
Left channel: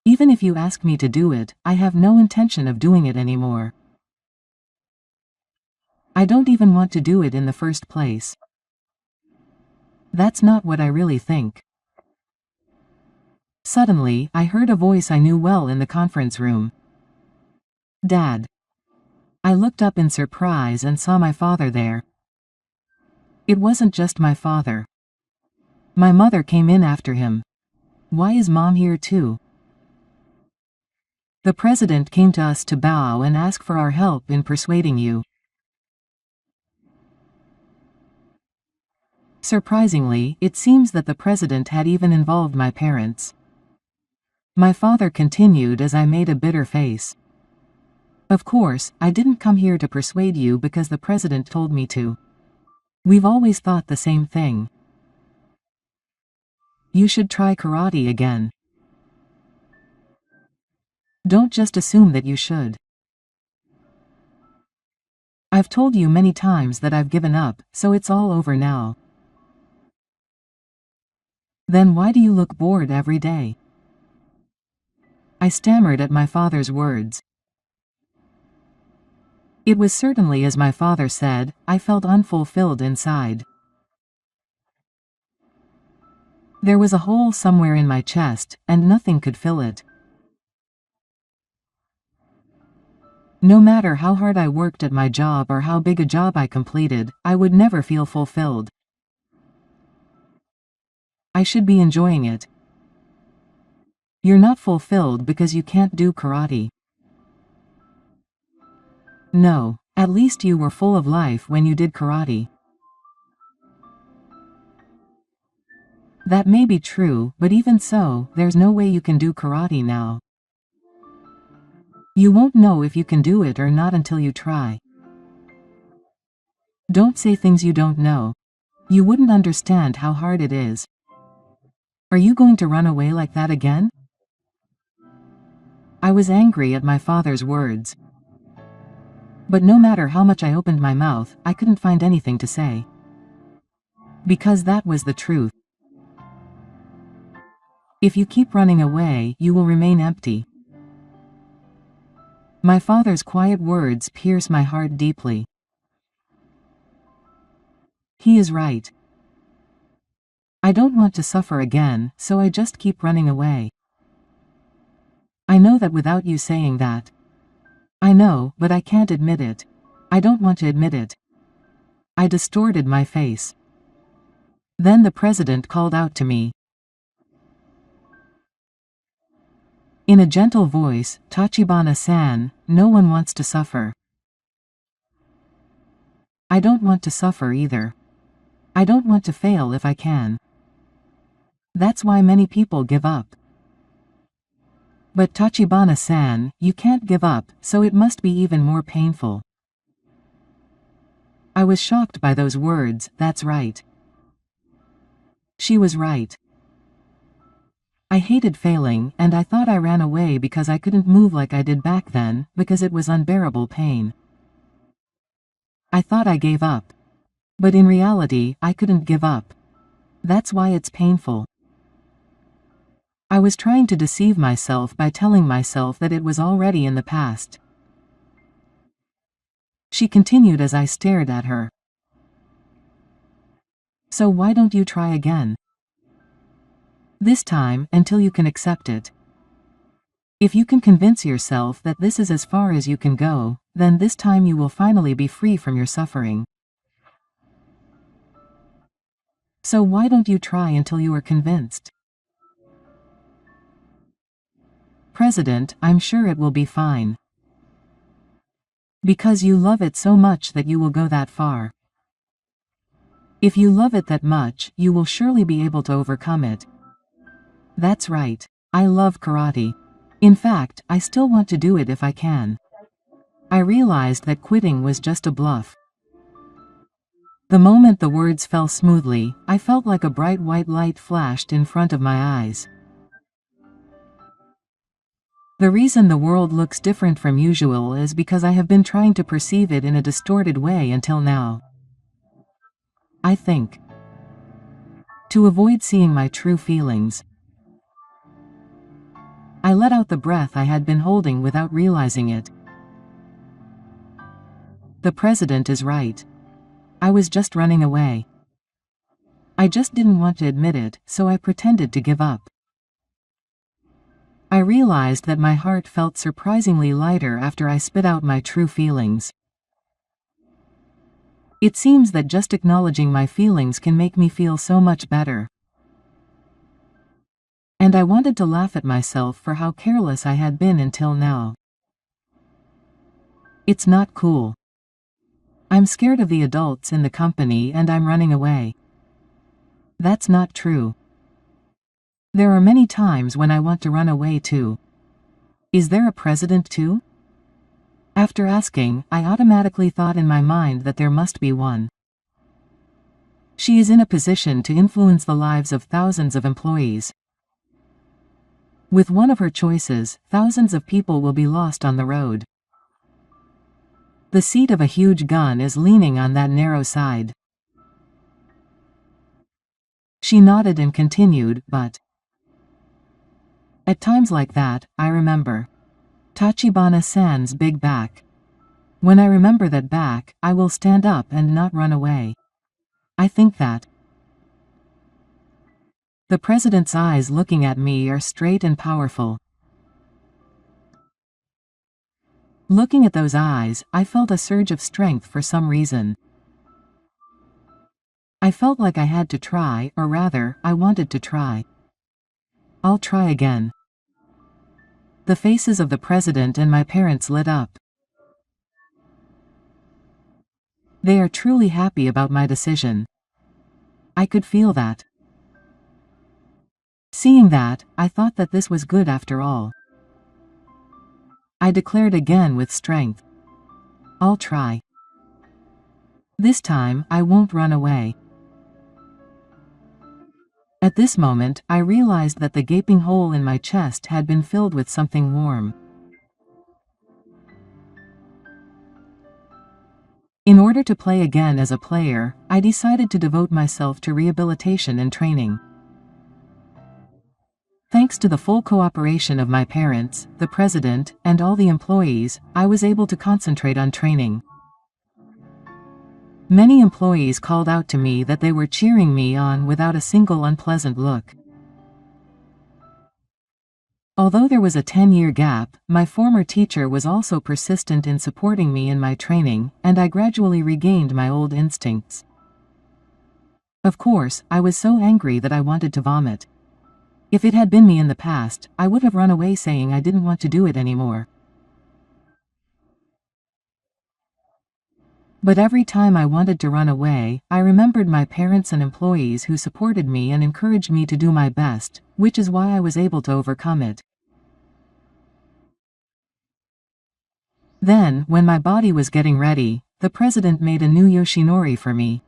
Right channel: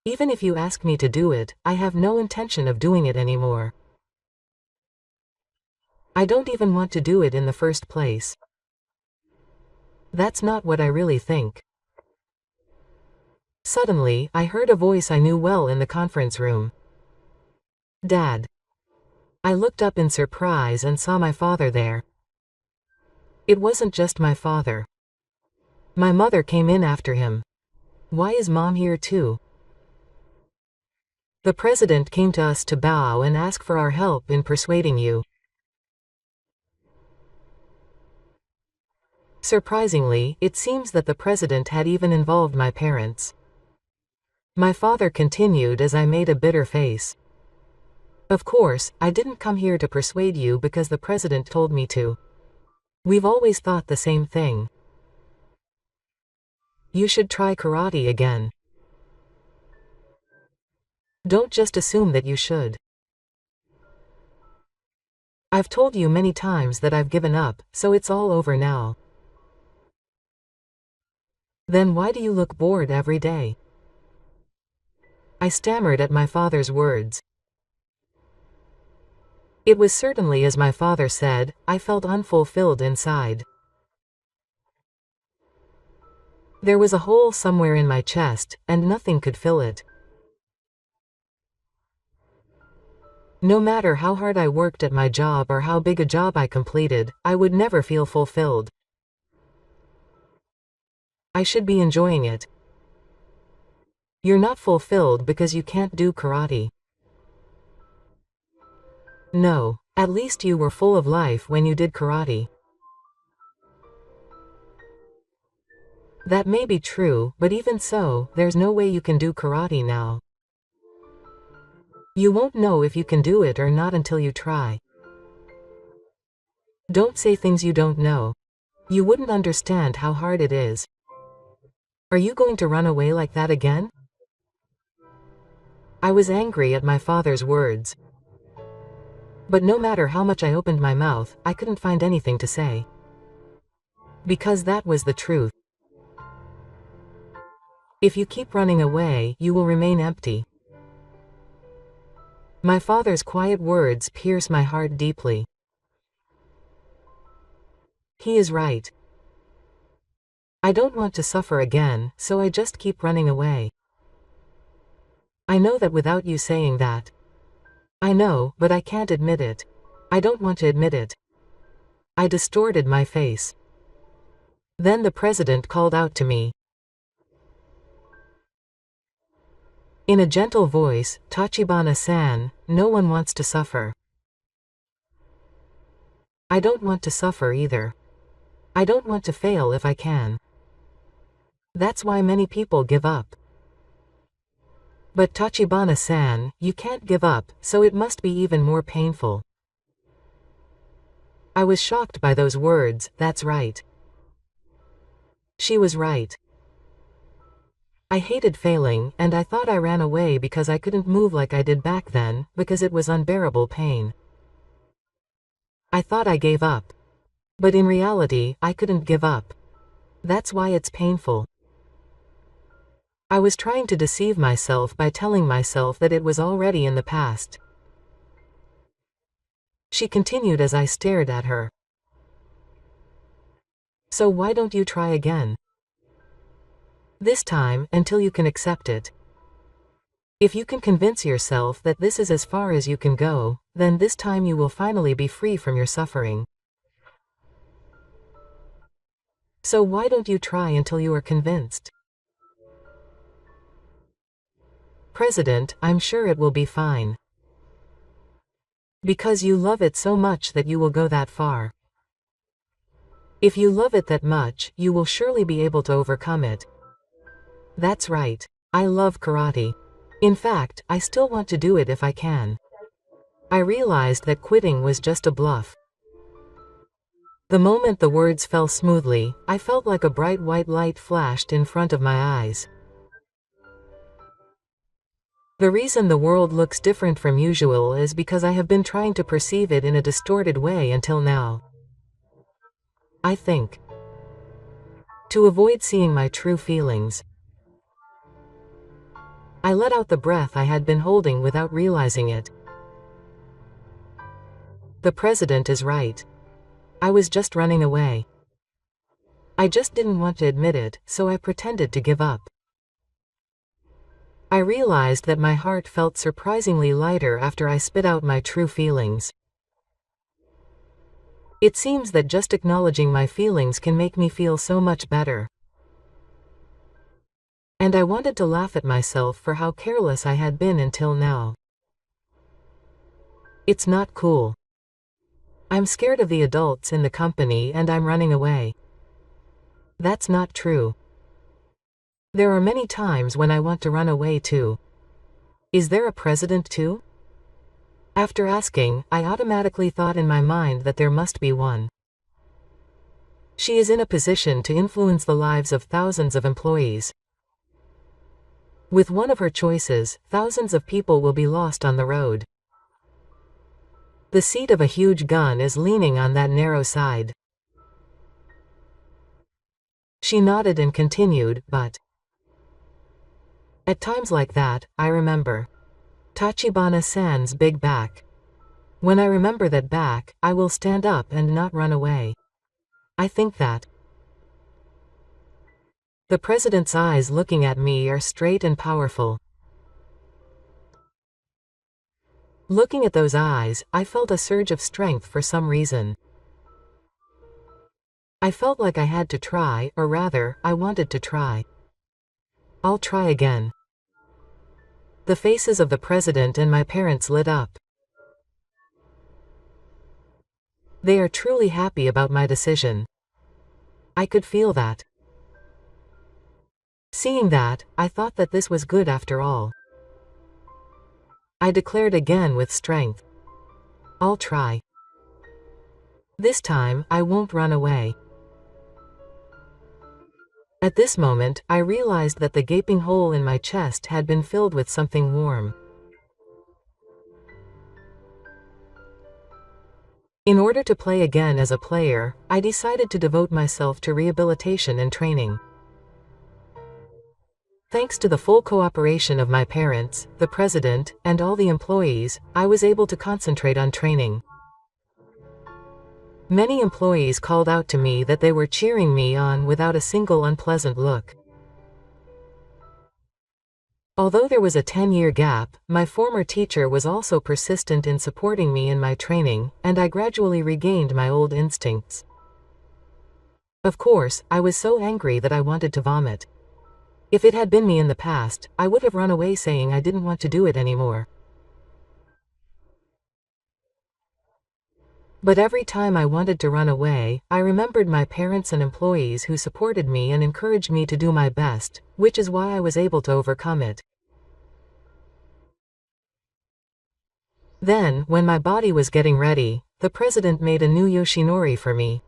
Even if you ask me to do it, I have no intention of doing it anymore. I don't even want to do it in the first place. That's not what I really think. Suddenly, I heard a voice I knew well in the conference room. Dad. I looked up in surprise and saw my father there. It wasn't just my father. My mother came in after him. Why is Mom here too? The president came to us to bow and ask for our help in persuading you. Surprisingly, it seems that the president had even involved my parents. My father continued as I made a bitter face. Of course, I didn't come here to persuade you because the president told me to. We've always thought the same thing. You should try karate again. Don't just assume that you should. I've told you many times that I've given up, so it's all over now. Then why do you look bored every day? I stammered at my father's words. It was certainly as my father said, I felt unfulfilled inside. There was a hole somewhere in my chest, and nothing could fill it. No matter how hard I worked at my job or how big a job I completed, I would never feel fulfilled. I should be enjoying it. You're not fulfilled because you can't do karate. No, at least you were full of life when you did karate. That may be true, but even so, there's no way you can do karate now. You won't know if you can do it or not until you try. Don't say things you don't know. You wouldn't understand how hard it is. Are you going to run away like that again? I was angry at my father's words. But no matter how much I opened my mouth, I couldn't find anything to say. Because that was the truth. If you keep running away, you will remain empty. My father's quiet words pierce my heart deeply. He is right. I don't want to suffer again, so I just keep running away. I know that without you saying that. I know, but I can't admit it. I don't want to admit it. I distorted my face. Then the president called out to me. In a gentle voice, Tachibana-san, no one wants to suffer. I don't want to suffer either. I don't want to fail if I can. That's why many people give up. But Tachibana-san, you can't give up, so it must be even more painful. I was shocked by those words. That's right. She was right. I hated failing, and I thought I ran away because I couldn't move like I did back then, because it was unbearable pain. I thought I gave up. But in reality, I couldn't give up. That's why it's painful. I was trying to deceive myself by telling myself that it was already in the past. She continued as I stared at her. So why don't you try again? This time, until you can accept it. If you can convince yourself that this is as far as you can go, then this time you will finally be free from your suffering. So why don't you try until you are convinced? President, I'm sure it will be fine. Because you love it so much that you will go that far. If you love it that much, you will surely be able to overcome it. That's right. I love karate. In fact, I still want to do it if I can. I realized that quitting was just a bluff. The moment the words fell smoothly, I felt like a bright white light flashed in front of my eyes. The reason the world looks different from usual is because I have been trying to perceive it in a distorted way until now. I think. To avoid seeing my true feelings. I let out the breath I had been holding without realizing it. The president is right. I was just running away. I just didn't want to admit it, so I pretended to give up. I realized that my heart felt surprisingly lighter after I spit out my true feelings. It seems that just acknowledging my feelings can make me feel so much better. And I wanted to laugh at myself for how careless I had been until now. It's not cool. I'm scared of the adults in the company and I'm running away. That's not true. There are many times when I want to run away too. Is there a president too? After asking, I automatically thought in my mind that there must be one. She is in a position to influence the lives of thousands of employees. With one of her choices, thousands of people will be lost on the road. The seat of a huge gun is leaning on that narrow side. She nodded and continued, but at times like that, I remember Tachibana-san's big back. When I remember that back, I will stand up and not run away. I think that. The president's eyes looking at me are straight and powerful. Looking at those eyes, I felt a surge of strength for some reason. I felt like I had to try, or rather, I wanted to try. I'll try again. The faces of the president and my parents lit up. They are truly happy about my decision. I could feel that. Seeing that, I thought that this was good after all. I declared again with strength. I'll try. This time, I won't run away. At this moment, I realized that the gaping hole in my chest had been filled with something warm. In order to play again as a player, I decided to devote myself to rehabilitation and training. Thanks to the full cooperation of my parents, the president, and all the employees, I was able to concentrate on training. Many employees called out to me that they were cheering me on without a single unpleasant look. Although there was a 10-year gap, my former teacher was also persistent in supporting me in my training, and I gradually regained my old instincts. Of course, I was so angry that I wanted to vomit. If it had been me in the past, I would have run away saying I didn't want to do it anymore. But every time I wanted to run away, I remembered my parents and employees who supported me and encouraged me to do my best, which is why I was able to overcome it. Then, when my body was getting ready, the president made a new Yoshinori for me.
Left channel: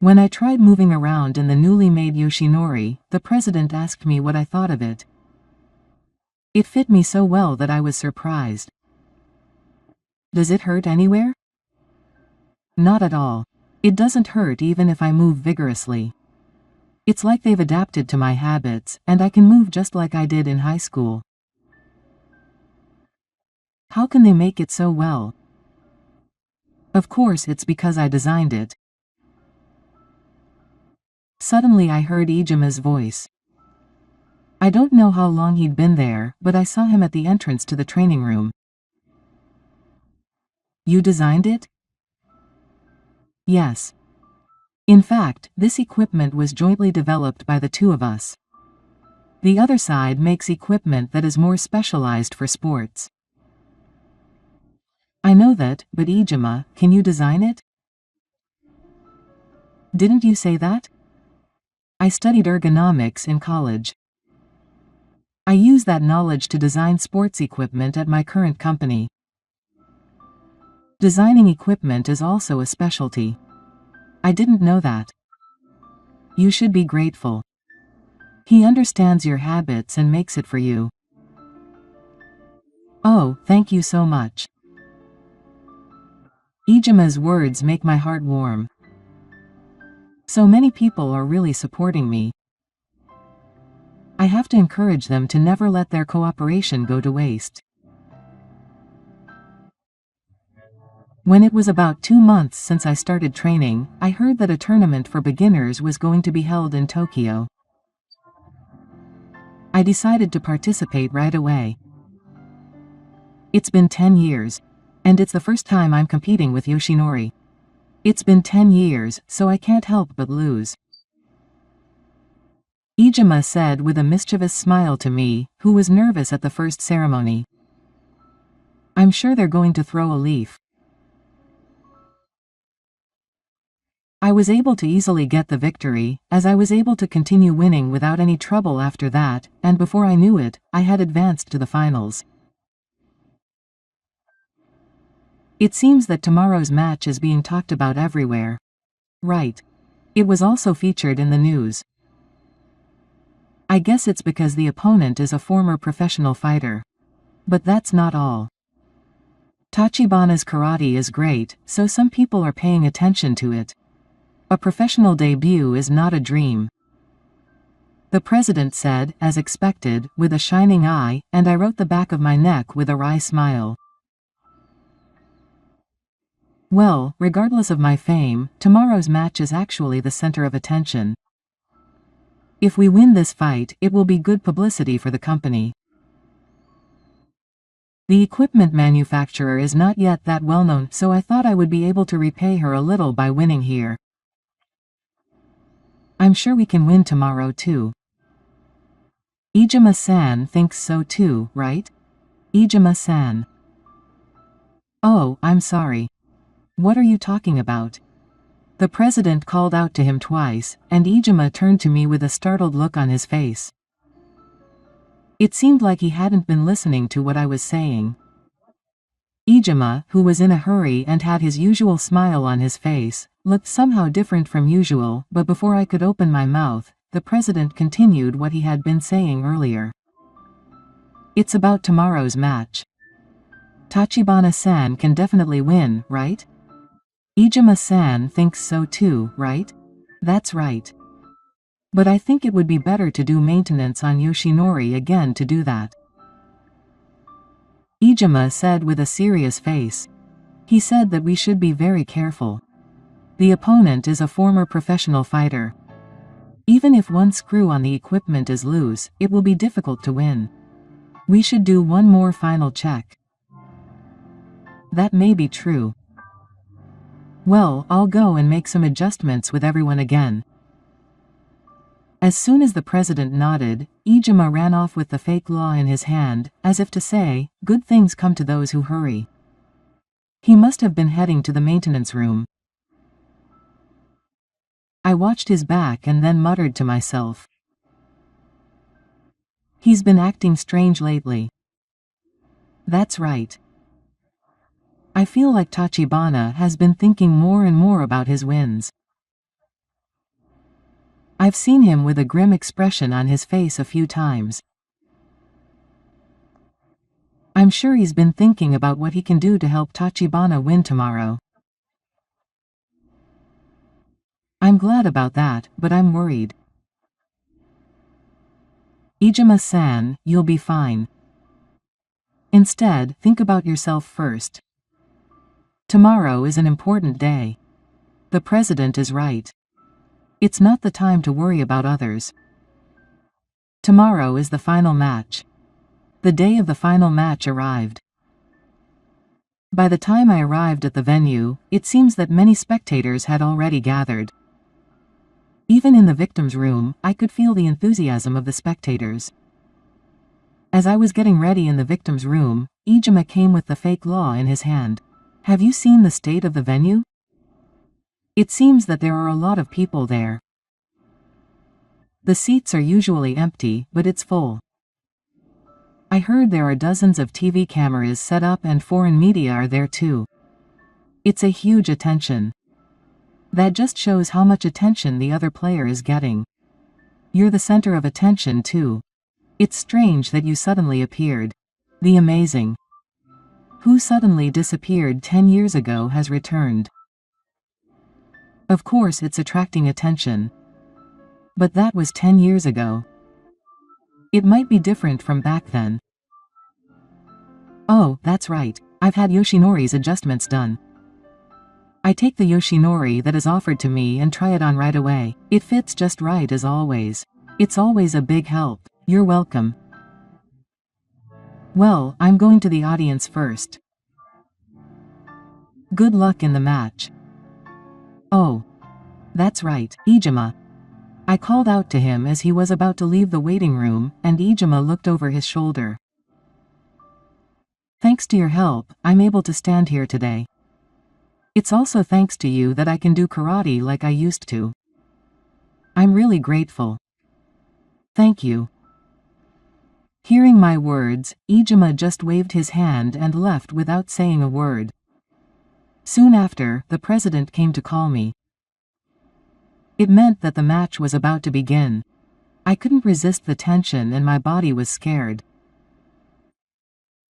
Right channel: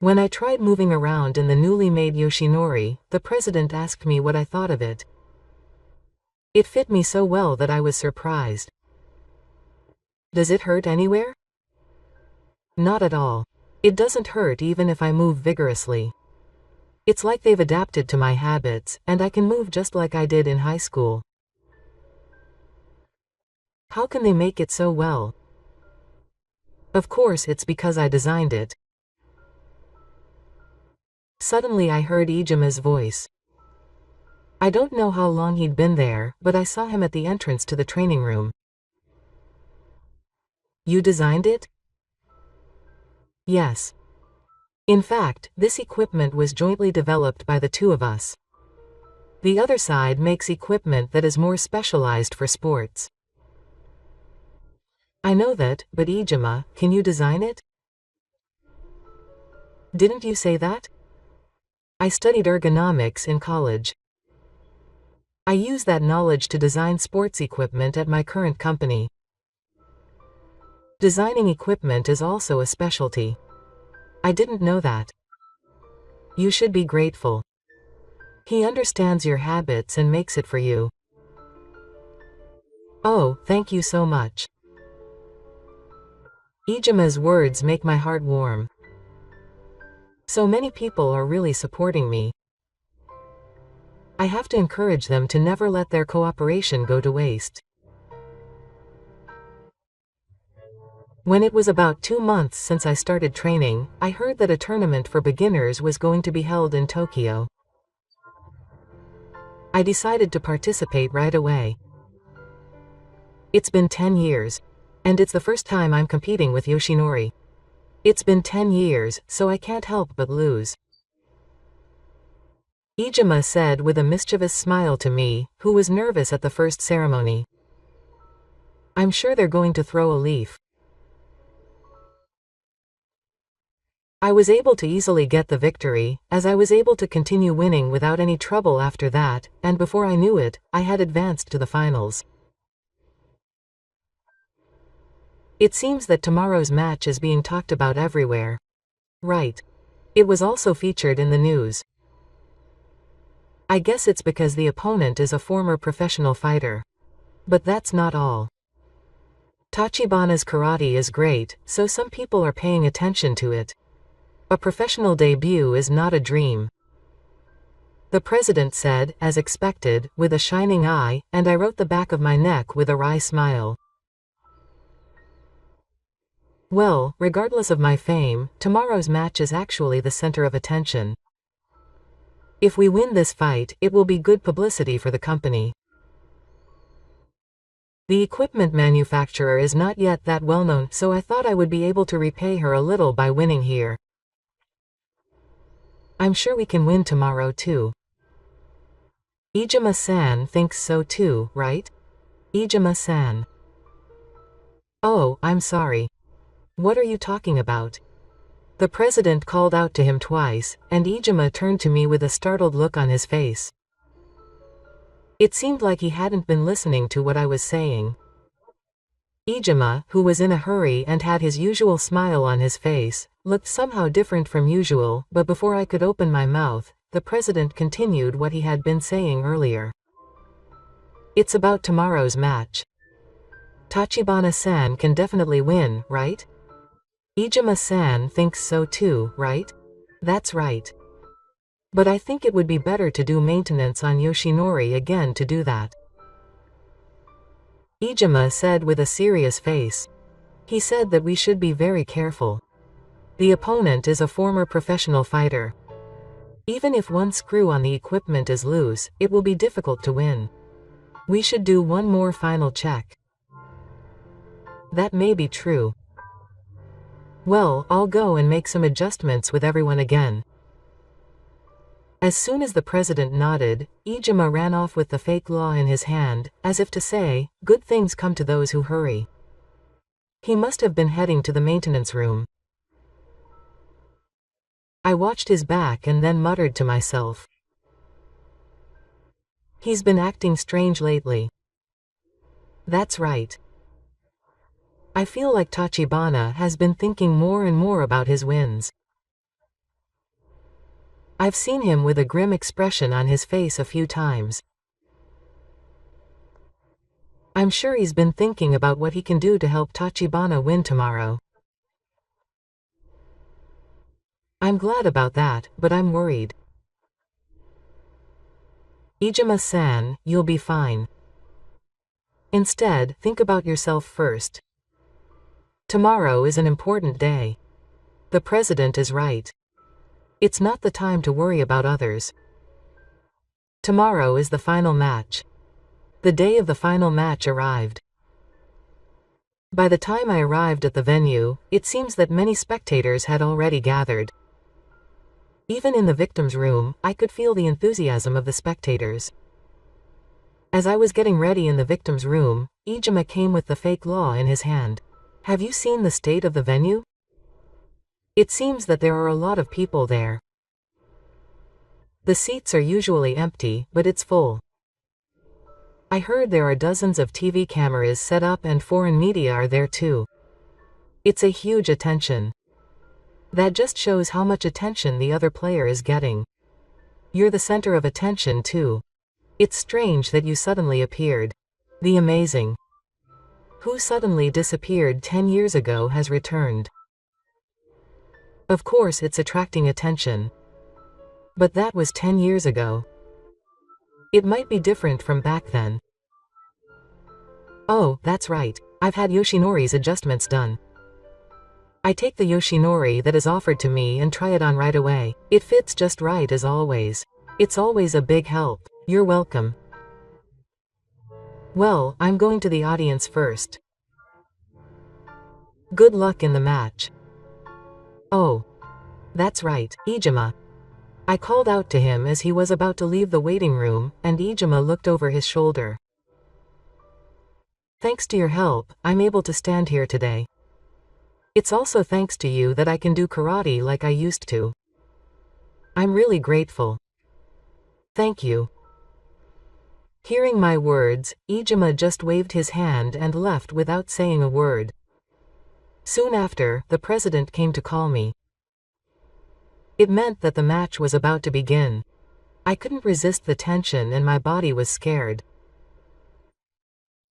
When I tried moving around in the newly made Yoshinori, the president asked me what I thought of it. It fit me so well that I was surprised. Does it hurt anywhere? Not at all. It doesn't hurt even if I move vigorously. It's like they've adapted to my habits, and I can move just like I did in high school. How can they make it so well? Of course it's because I designed it. Suddenly I heard Ijima's voice. I don't know how long he'd been there, but I saw him at the entrance to the training room. You designed it? Yes. In fact, this equipment was jointly developed by the two of us. The other side makes equipment that is more specialized for sports. I know that, but Ijima, can you design it? Didn't you say that? I studied ergonomics in college. I use that knowledge to design sports equipment at my current company. Designing equipment is also a specialty. I didn't know that. You should be grateful. He understands your habits and makes it for you. Oh, thank you so much. Ijima's words make my heart warm. So many people are really supporting me. I have to encourage them to never let their cooperation go to waste. When it was about 2 months since I started training, I heard that a tournament for beginners was going to be held in Tokyo. I decided to participate right away. It's been 10 years. And it's the first time I'm competing with Yoshinori. It's been 10 years, so I can't help but lose. Ijima said with a mischievous smile to me, who was nervous at the first ceremony. I'm sure they're going to throw a leaf. I was able to easily get the victory, as I was able to continue winning without any trouble after that, and before I knew it, I had advanced to the finals. It seems that tomorrow's match is being talked about everywhere. Right. It was also featured in the news. I guess it's because the opponent is a former professional fighter. But that's not all. Tachibana's karate is great, so some people are paying attention to it. A professional debut is not a dream. The president said, as expected, with a shining eye, and I wrote the back of my neck with a wry smile. Well, regardless of my fame, tomorrow's match is actually the center of attention. If we win this fight, it will be good publicity for the company. The equipment manufacturer is not yet that well known, so I thought I would be able to repay her a little by winning here. I'm sure we can win tomorrow too. Ijima-san thinks so too, right? Ijima-san. Oh, I'm sorry. What are you talking about? The president called out to him twice, and Ijima turned to me with a startled look on his face. It seemed like he hadn't been listening to what I was saying. Ijima, who was in a hurry and had his usual smile on his face, looked somehow different from usual, but before I could open my mouth, the president continued what he had been saying earlier. It's about tomorrow's match. Tachibana-san can definitely win, right? Ijima-san thinks so too, right? That's right. But I think it would be better to do maintenance on Yoshinori again to do that. Ijima said with a serious face. He said that we should be very careful. The opponent is a former professional fighter. Even if one screw on the equipment is loose, it will be difficult to win. We should do one more final check. That may be true. Well, I'll go and make some adjustments with everyone again. As soon as the president nodded, Ijima ran off with the fake law in his hand, as if to say, good things come to those who hurry. He must have been heading to the maintenance room. I watched his back and then muttered to myself. He's been acting strange lately. That's right. I feel like Tachibana has been thinking more and more about his wins. I've seen him with a grim expression on his face a few times. I'm sure he's been thinking about what he can do to help Tachibana win tomorrow. I'm glad about that, but I'm worried. Ijima-san, you'll be fine. Instead, think about yourself first. Tomorrow is an important day. The president is right. It's not the time to worry about others. Tomorrow is the final match. The day of the final match arrived. By the time I arrived at the venue, it seems that many spectators had already gathered. Even in the victim's room, I could feel the enthusiasm of the spectators. As I was getting ready in the victim's room, Ijima came with the fake law in his hand. Have you seen the state of the venue? It seems that there are a lot of people there. The seats are usually empty, but it's full. I heard there are dozens of TV cameras set up and foreign media are there too. It's a huge attention. That just shows how much attention the other player is getting. You're the center of attention too. It's strange that you suddenly appeared. The amazing. Who suddenly disappeared 10 years ago has returned. Of course it's attracting attention. But that was 10 years ago. It might be different from back then. Oh, that's right. I've had Yoshinori's adjustments done. I take the Yoshinori that is offered to me and try it on right away. It fits just right as always. It's always a big help. You're welcome. Well, I'm going to the audience first. Good luck in the match. Oh. That's right, Ijima. I called out to him as he was about to leave the waiting room, and Ijima looked over his shoulder. Thanks to your help, I'm able to stand here today. It's also thanks to you that I can do karate like I used to. I'm really grateful. Thank you. Hearing my words, Ijima just waved his hand and left without saying a word. Soon after, the president came to call me. It meant that the match was about to begin. I couldn't resist the tension and my body was scared.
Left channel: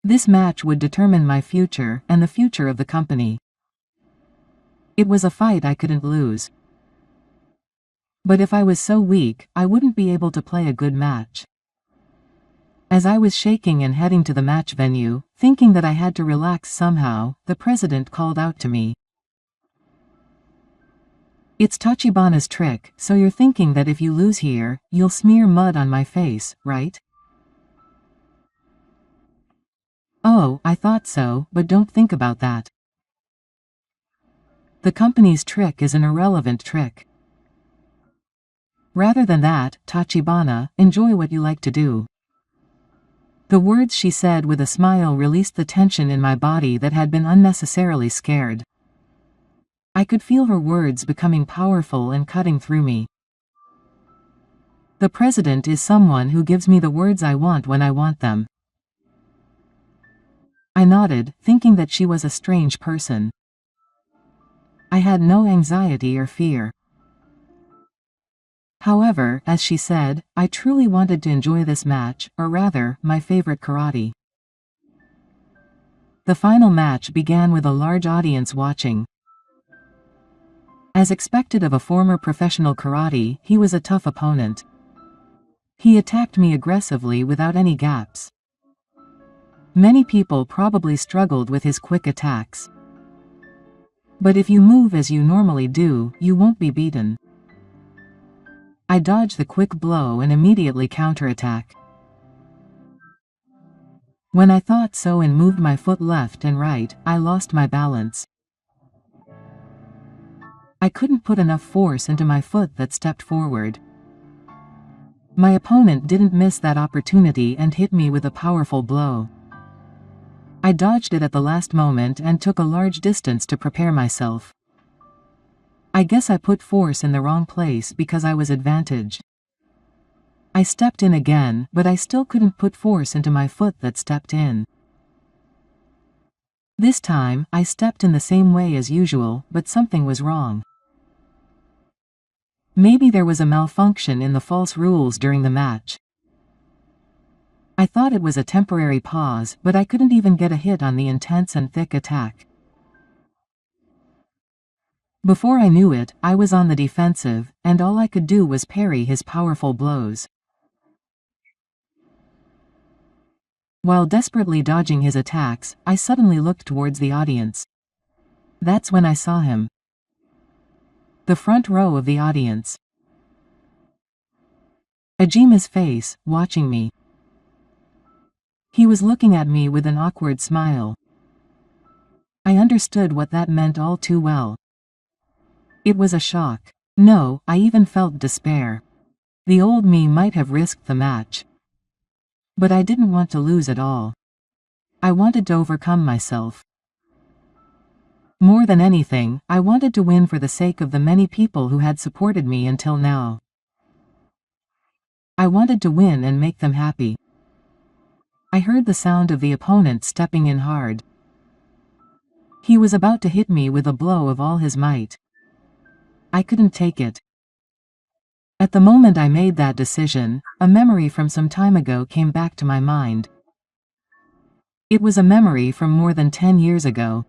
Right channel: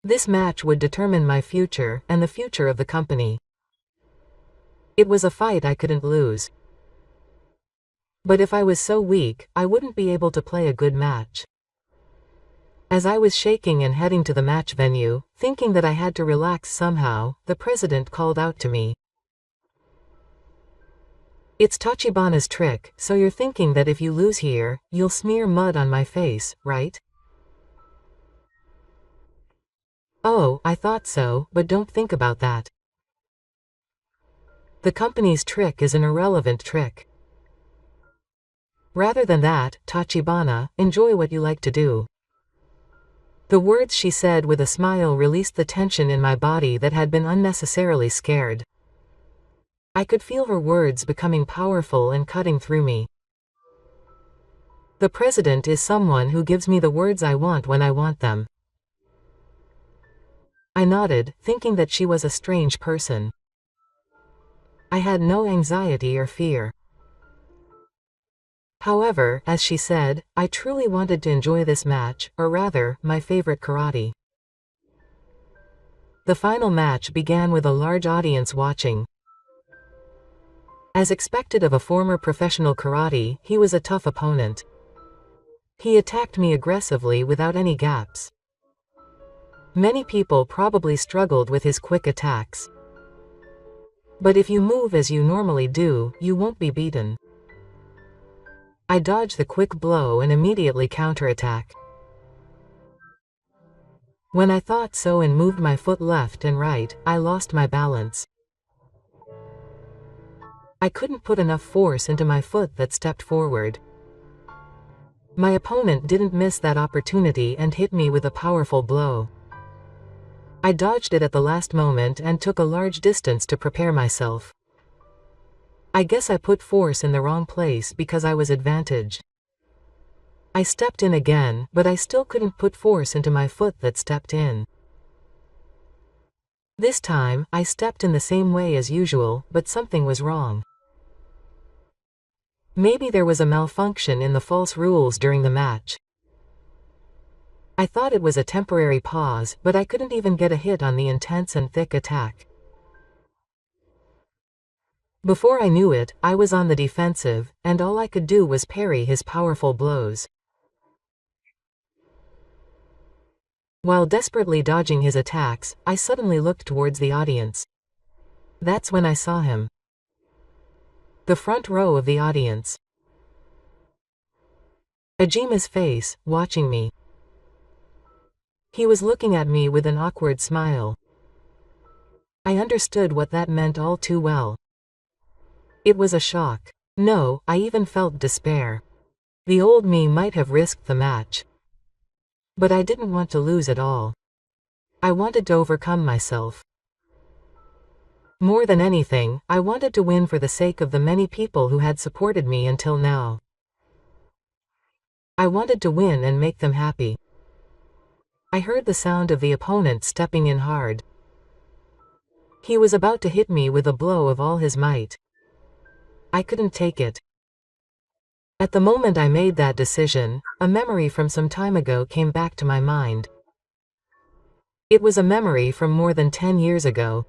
This match would determine my future and the future of the company. It was a fight I couldn't lose. But if I was so weak, I wouldn't be able to play a good match. As I was shaking and heading to the match venue, thinking that I had to relax somehow, the president called out to me. It's Tachibana's trick, so you're thinking that if you lose here, you'll smear mud on my face, right? Oh, I thought so, but don't think about that. The company's trick is an irrelevant trick. Rather than that, Tachibana, enjoy what you like to do. The words she said with a smile released the tension in my body that had been unnecessarily scared. I could feel her words becoming powerful and cutting through me. The president is someone who gives me the words I want when I want them. I nodded, thinking that she was a strange person. I had no anxiety or fear. However, as she said, I truly wanted to enjoy this match, or rather, my favorite karate. The final match began with a large audience watching. As expected of a former professional karate, he was a tough opponent. He attacked me aggressively without any gaps. Many people probably struggled with his quick attacks. But if you move as you normally do, you won't be beaten. I dodged the quick blow and immediately counterattack. When I thought so and moved my foot left and right, I lost my balance. I couldn't put enough force into my foot that stepped forward. My opponent didn't miss that opportunity and hit me with a powerful blow. I dodged it at the last moment and took a large distance to prepare myself. I guess I put force in the wrong place because I was advantaged. I stepped in again, but I still couldn't put force into my foot that stepped in. This time, I stepped in the same way as usual, but something was wrong. Maybe there was a malfunction in the false rules during the match. I thought it was a temporary pause, but I couldn't even get a hit on the intense and thick attack. Before I knew it, I was on the defensive, and all I could do was parry his powerful blows. While desperately dodging his attacks, I suddenly looked towards the audience. That's when I saw him. The front row of the audience. Ajima's face, watching me. He was looking at me with an awkward smile. I understood what that meant all too well. It was a shock. No, I even felt despair. The old me might have risked the match. But I didn't want to lose at all. I wanted to overcome myself. More than anything, I wanted to win for the sake of the many people who had supported me until now. I wanted to win and make them happy. I heard the sound of the opponent stepping in hard. He was about to hit me with a blow of all his might. I couldn't take it. At the moment I made that decision, a memory from some time ago came back to my mind. It was a memory from more than 10 years ago.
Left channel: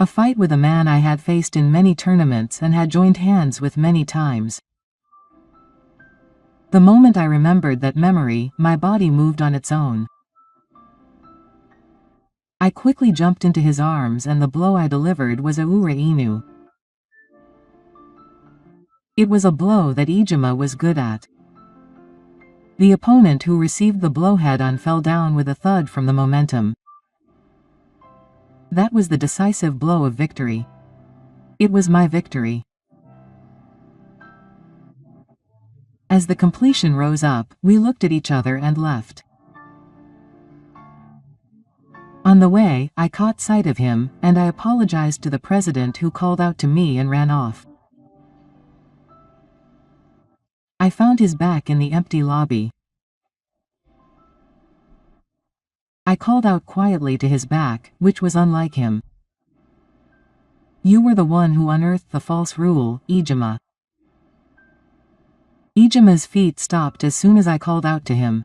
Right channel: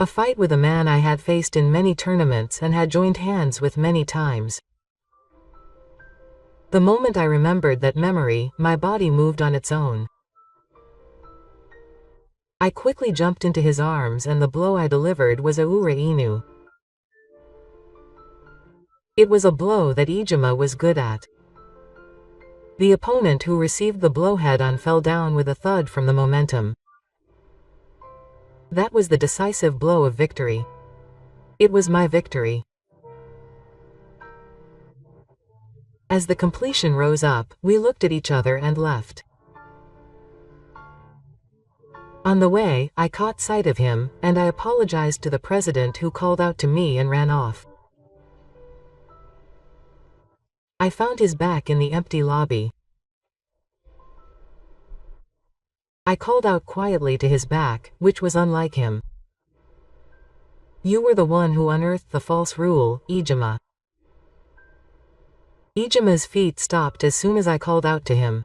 A fight with a man I had faced in many tournaments and had joined hands with many times. The moment I remembered that memory, my body moved on its own. I quickly jumped into his arms and the blow I delivered was a ure inu. It was a blow that Ijima was good at. The opponent who received the blow head-on fell down with a thud from the momentum. That was the decisive blow of victory. It was my victory. As the completion rose up, we looked at each other and left. On the way, I caught sight of him, and I apologized to the president who called out to me and ran off. I found his back in the empty lobby. I called out quietly to his back, which was unlike him. You were the one who unearthed the false rule, Ijima. Ijima's feet stopped as soon as I called out to him.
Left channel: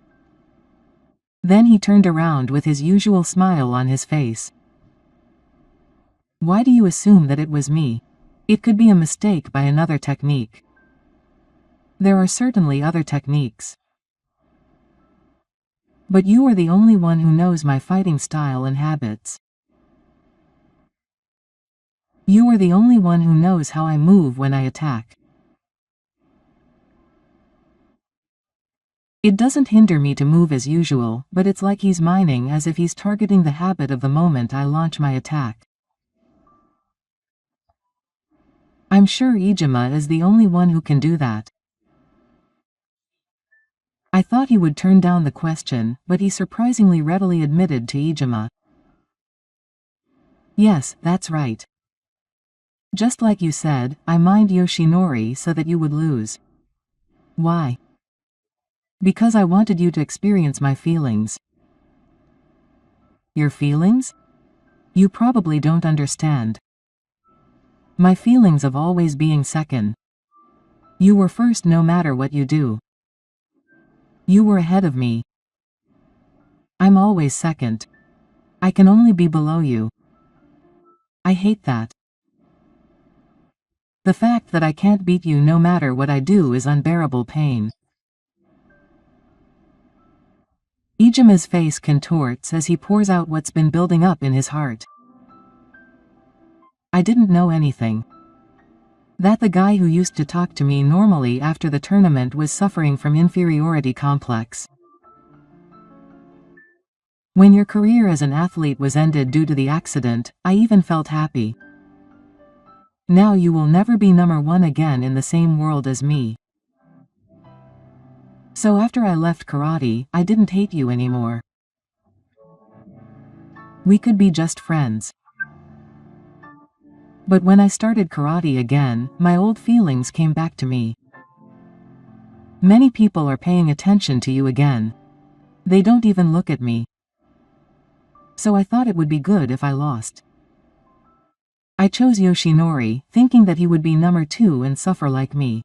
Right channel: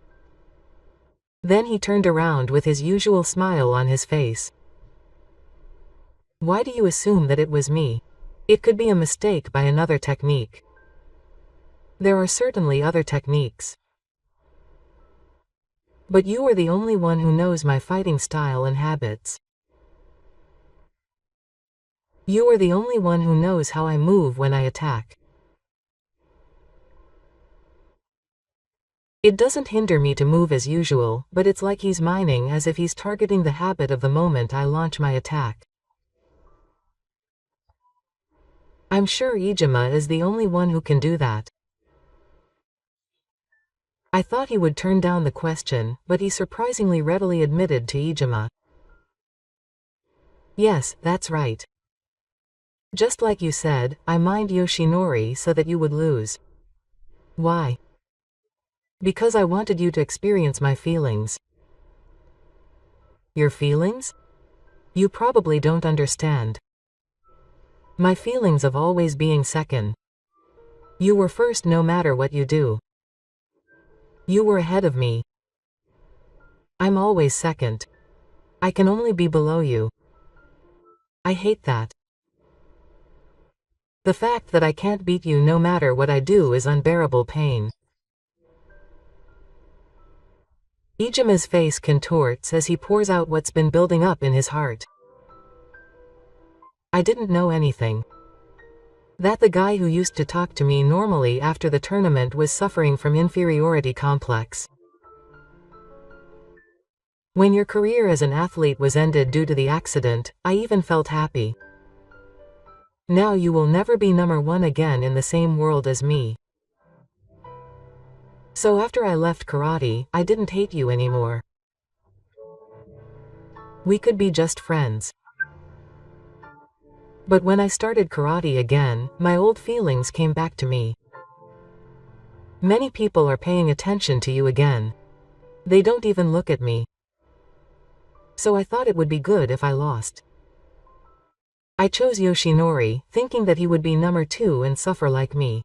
Then he turned around with his usual smile on his face. Why do you assume that it was me? It could be a mistake by another technique. There are certainly other techniques. But you are the only one who knows my fighting style and habits. You are the only one who knows how I move when I attack. It doesn't hinder me to move as usual, but it's like he's mining as if he's targeting the habit of the moment I launch my attack. I'm sure Ijima is the only one who can do that. I thought he would turn down the question, but he surprisingly readily admitted to Ijima. Yes, that's right. Just like you said, I mined Yoshinori so that you would lose. Why? Because I wanted you to experience my feelings. Your feelings? You probably don't understand. My feelings of always being second. You were first no matter what you do. You were ahead of me. I'm always second. I can only be below you. I hate that. The fact that I can't beat you no matter what I do is unbearable pain. Ijuma's face contorts as he pours out what's been building up in his heart. I didn't know anything. That the guy who used to talk to me normally after the tournament was suffering from inferiority complex. When your career as an athlete was ended due to the accident, I even felt happy. Now you will never be number one again in the same world as me. So after I left karate, I didn't hate you anymore. We could be just friends. But when I started karate again, my old feelings came back to me. Many people are paying attention to you again. They don't even look at me. So I thought it would be good if I lost. I chose Yoshinori, thinking that he would be number 2 and suffer like me.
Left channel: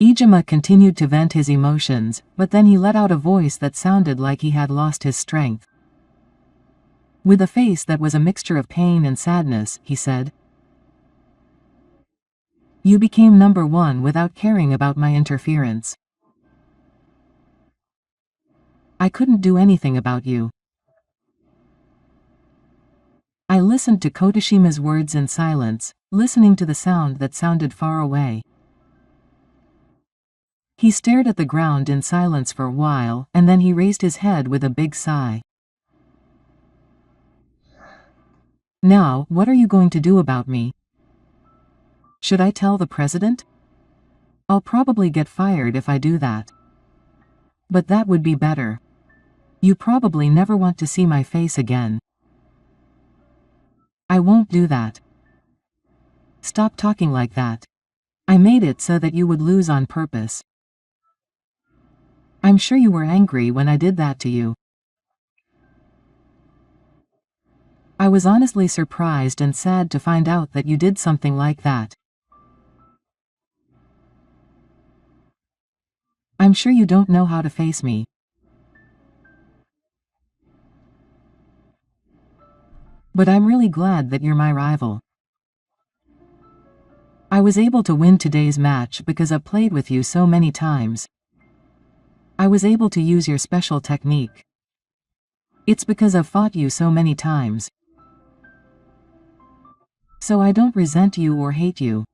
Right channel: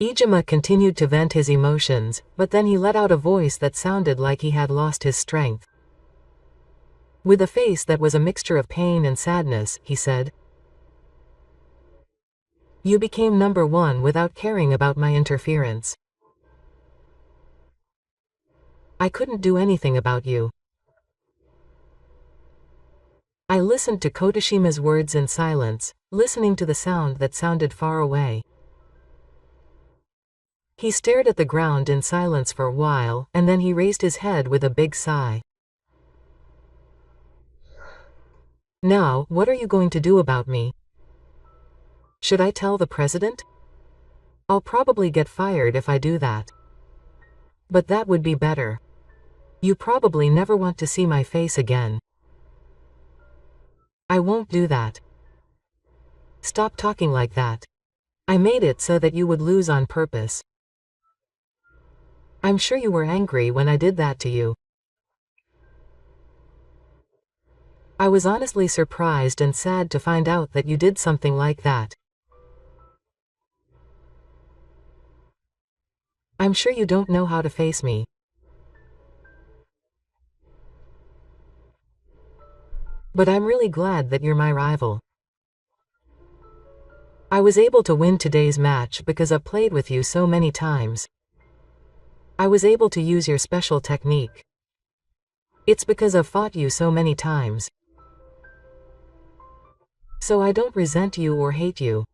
Ijima continued to vent his emotions, but then he let out a voice that sounded like he had lost his strength. With a face that was a mixture of pain and sadness, he said, "You became number 1 without caring about my interference. I couldn't do anything about you." I listened to Kotashima's words in silence, listening to the sound that sounded far away. He stared at the ground in silence for a while, and then he raised his head with a big sigh. "Now, what are you going to do about me? Should I tell the president? I'll probably get fired if I do that. But that would be better. You probably never want to see my face again." "I won't do that. Stop talking like that. I made it so that you would lose on purpose. I'm sure you were angry when I did that to you." "I was honestly surprised and sad to find out that you did something like that. I'm sure you don't know how to face me. But I'm really glad that you're my rival. I was able to win today's match because I've played with you so many times. I was able to use your special technique. It's because I've fought you so many times. So I don't resent you or hate you."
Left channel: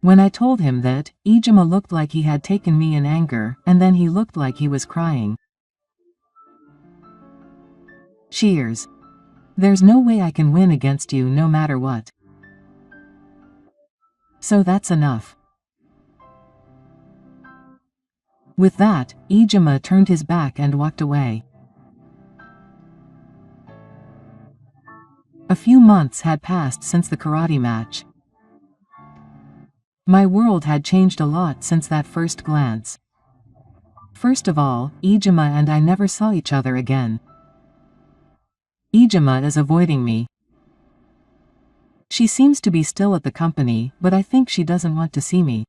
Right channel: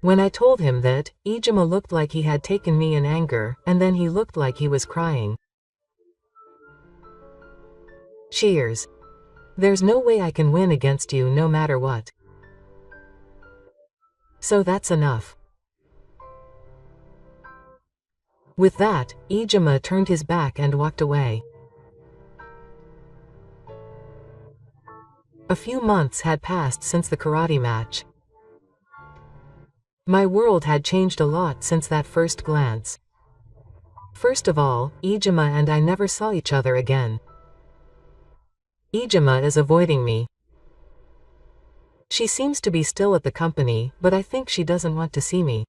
When I told him that, Ijima looked like he had taken me in anger, and then he looked like he was crying. "Cheers. There's no way I can win against you no matter what. So that's enough." With that, Ijima turned his back and walked away. A few months had passed since the karate match. My world had changed a lot since that first glance. First of all, Ijima and I never saw each other again. Ijima is avoiding me. She seems to be still at the company, but I think she doesn't want to see me.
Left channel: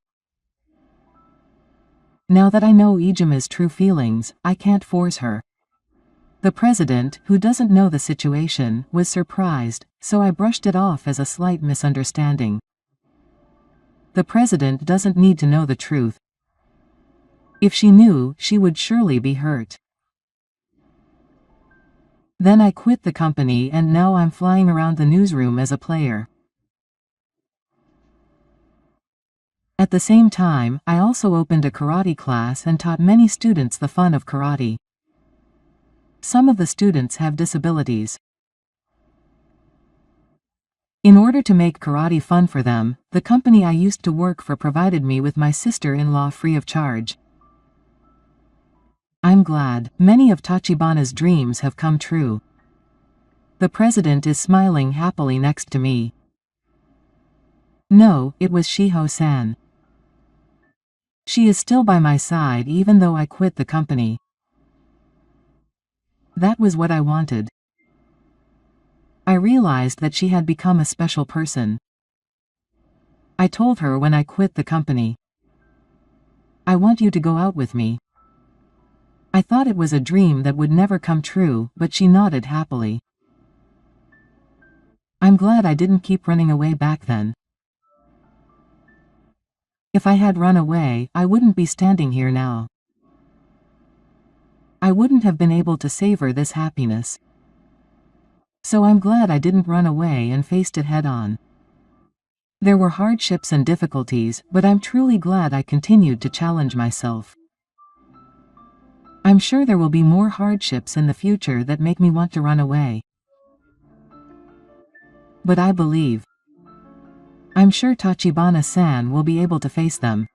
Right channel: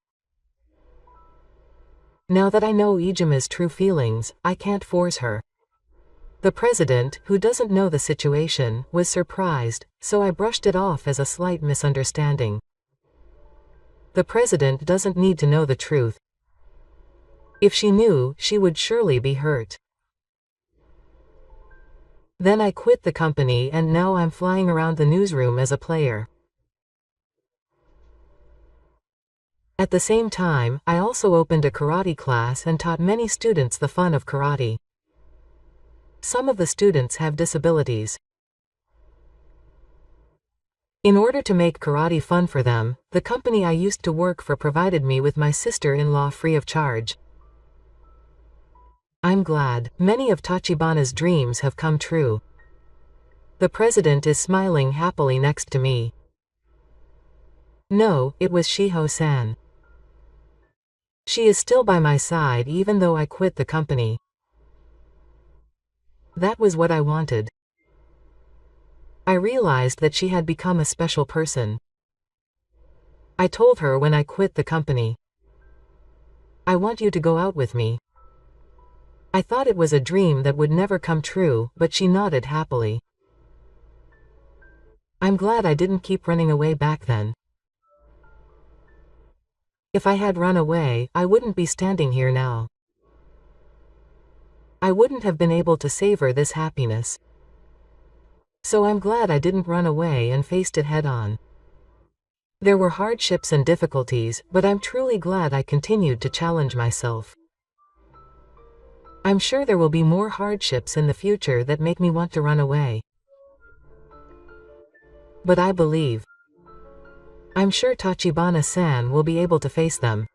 Now that I know Ijima's true feelings, I can't force her. The president, who doesn't know the situation, was surprised, so I brushed it off as a slight misunderstanding. The president doesn't need to know the truth. If she knew, she would surely be hurt. Then I quit the company and now I'm flying around the newsroom as a player. At the same time, I also opened a karate class and taught many students the fun of karate. Some of the students have disabilities. In order to make karate fun for them, the company I used to work for provided me with my sister-in-law free of charge. I'm glad many of Tachibana's dreams have come true. The president is smiling happily next to me. No, it was Shiho-san. She is still by my side even though I quit the company. That was what I wanted. I realized that she had become a special person. I told her when I quit the company, "I want you to go out with me." I thought it was a dream that would never come true, but she nodded happily. I'm glad I didn't keep running away back then. If I had run away, I wouldn't be standing here now. I wouldn't have been able to savor this happiness. So I'm glad I didn't run away and faced it head on. There were hardships and difficulties, but I'm truly glad I continued to challenge myself. I'm sure there will be more hardships in the future that make me want to run away. But I believe. I'm sure Tachibana-san will be able to face them.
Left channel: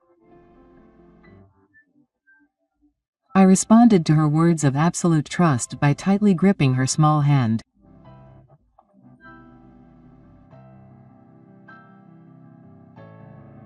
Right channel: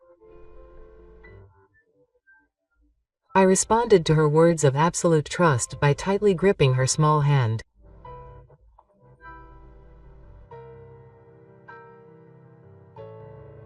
I responded to her words of absolute trust by tightly gripping her small hand.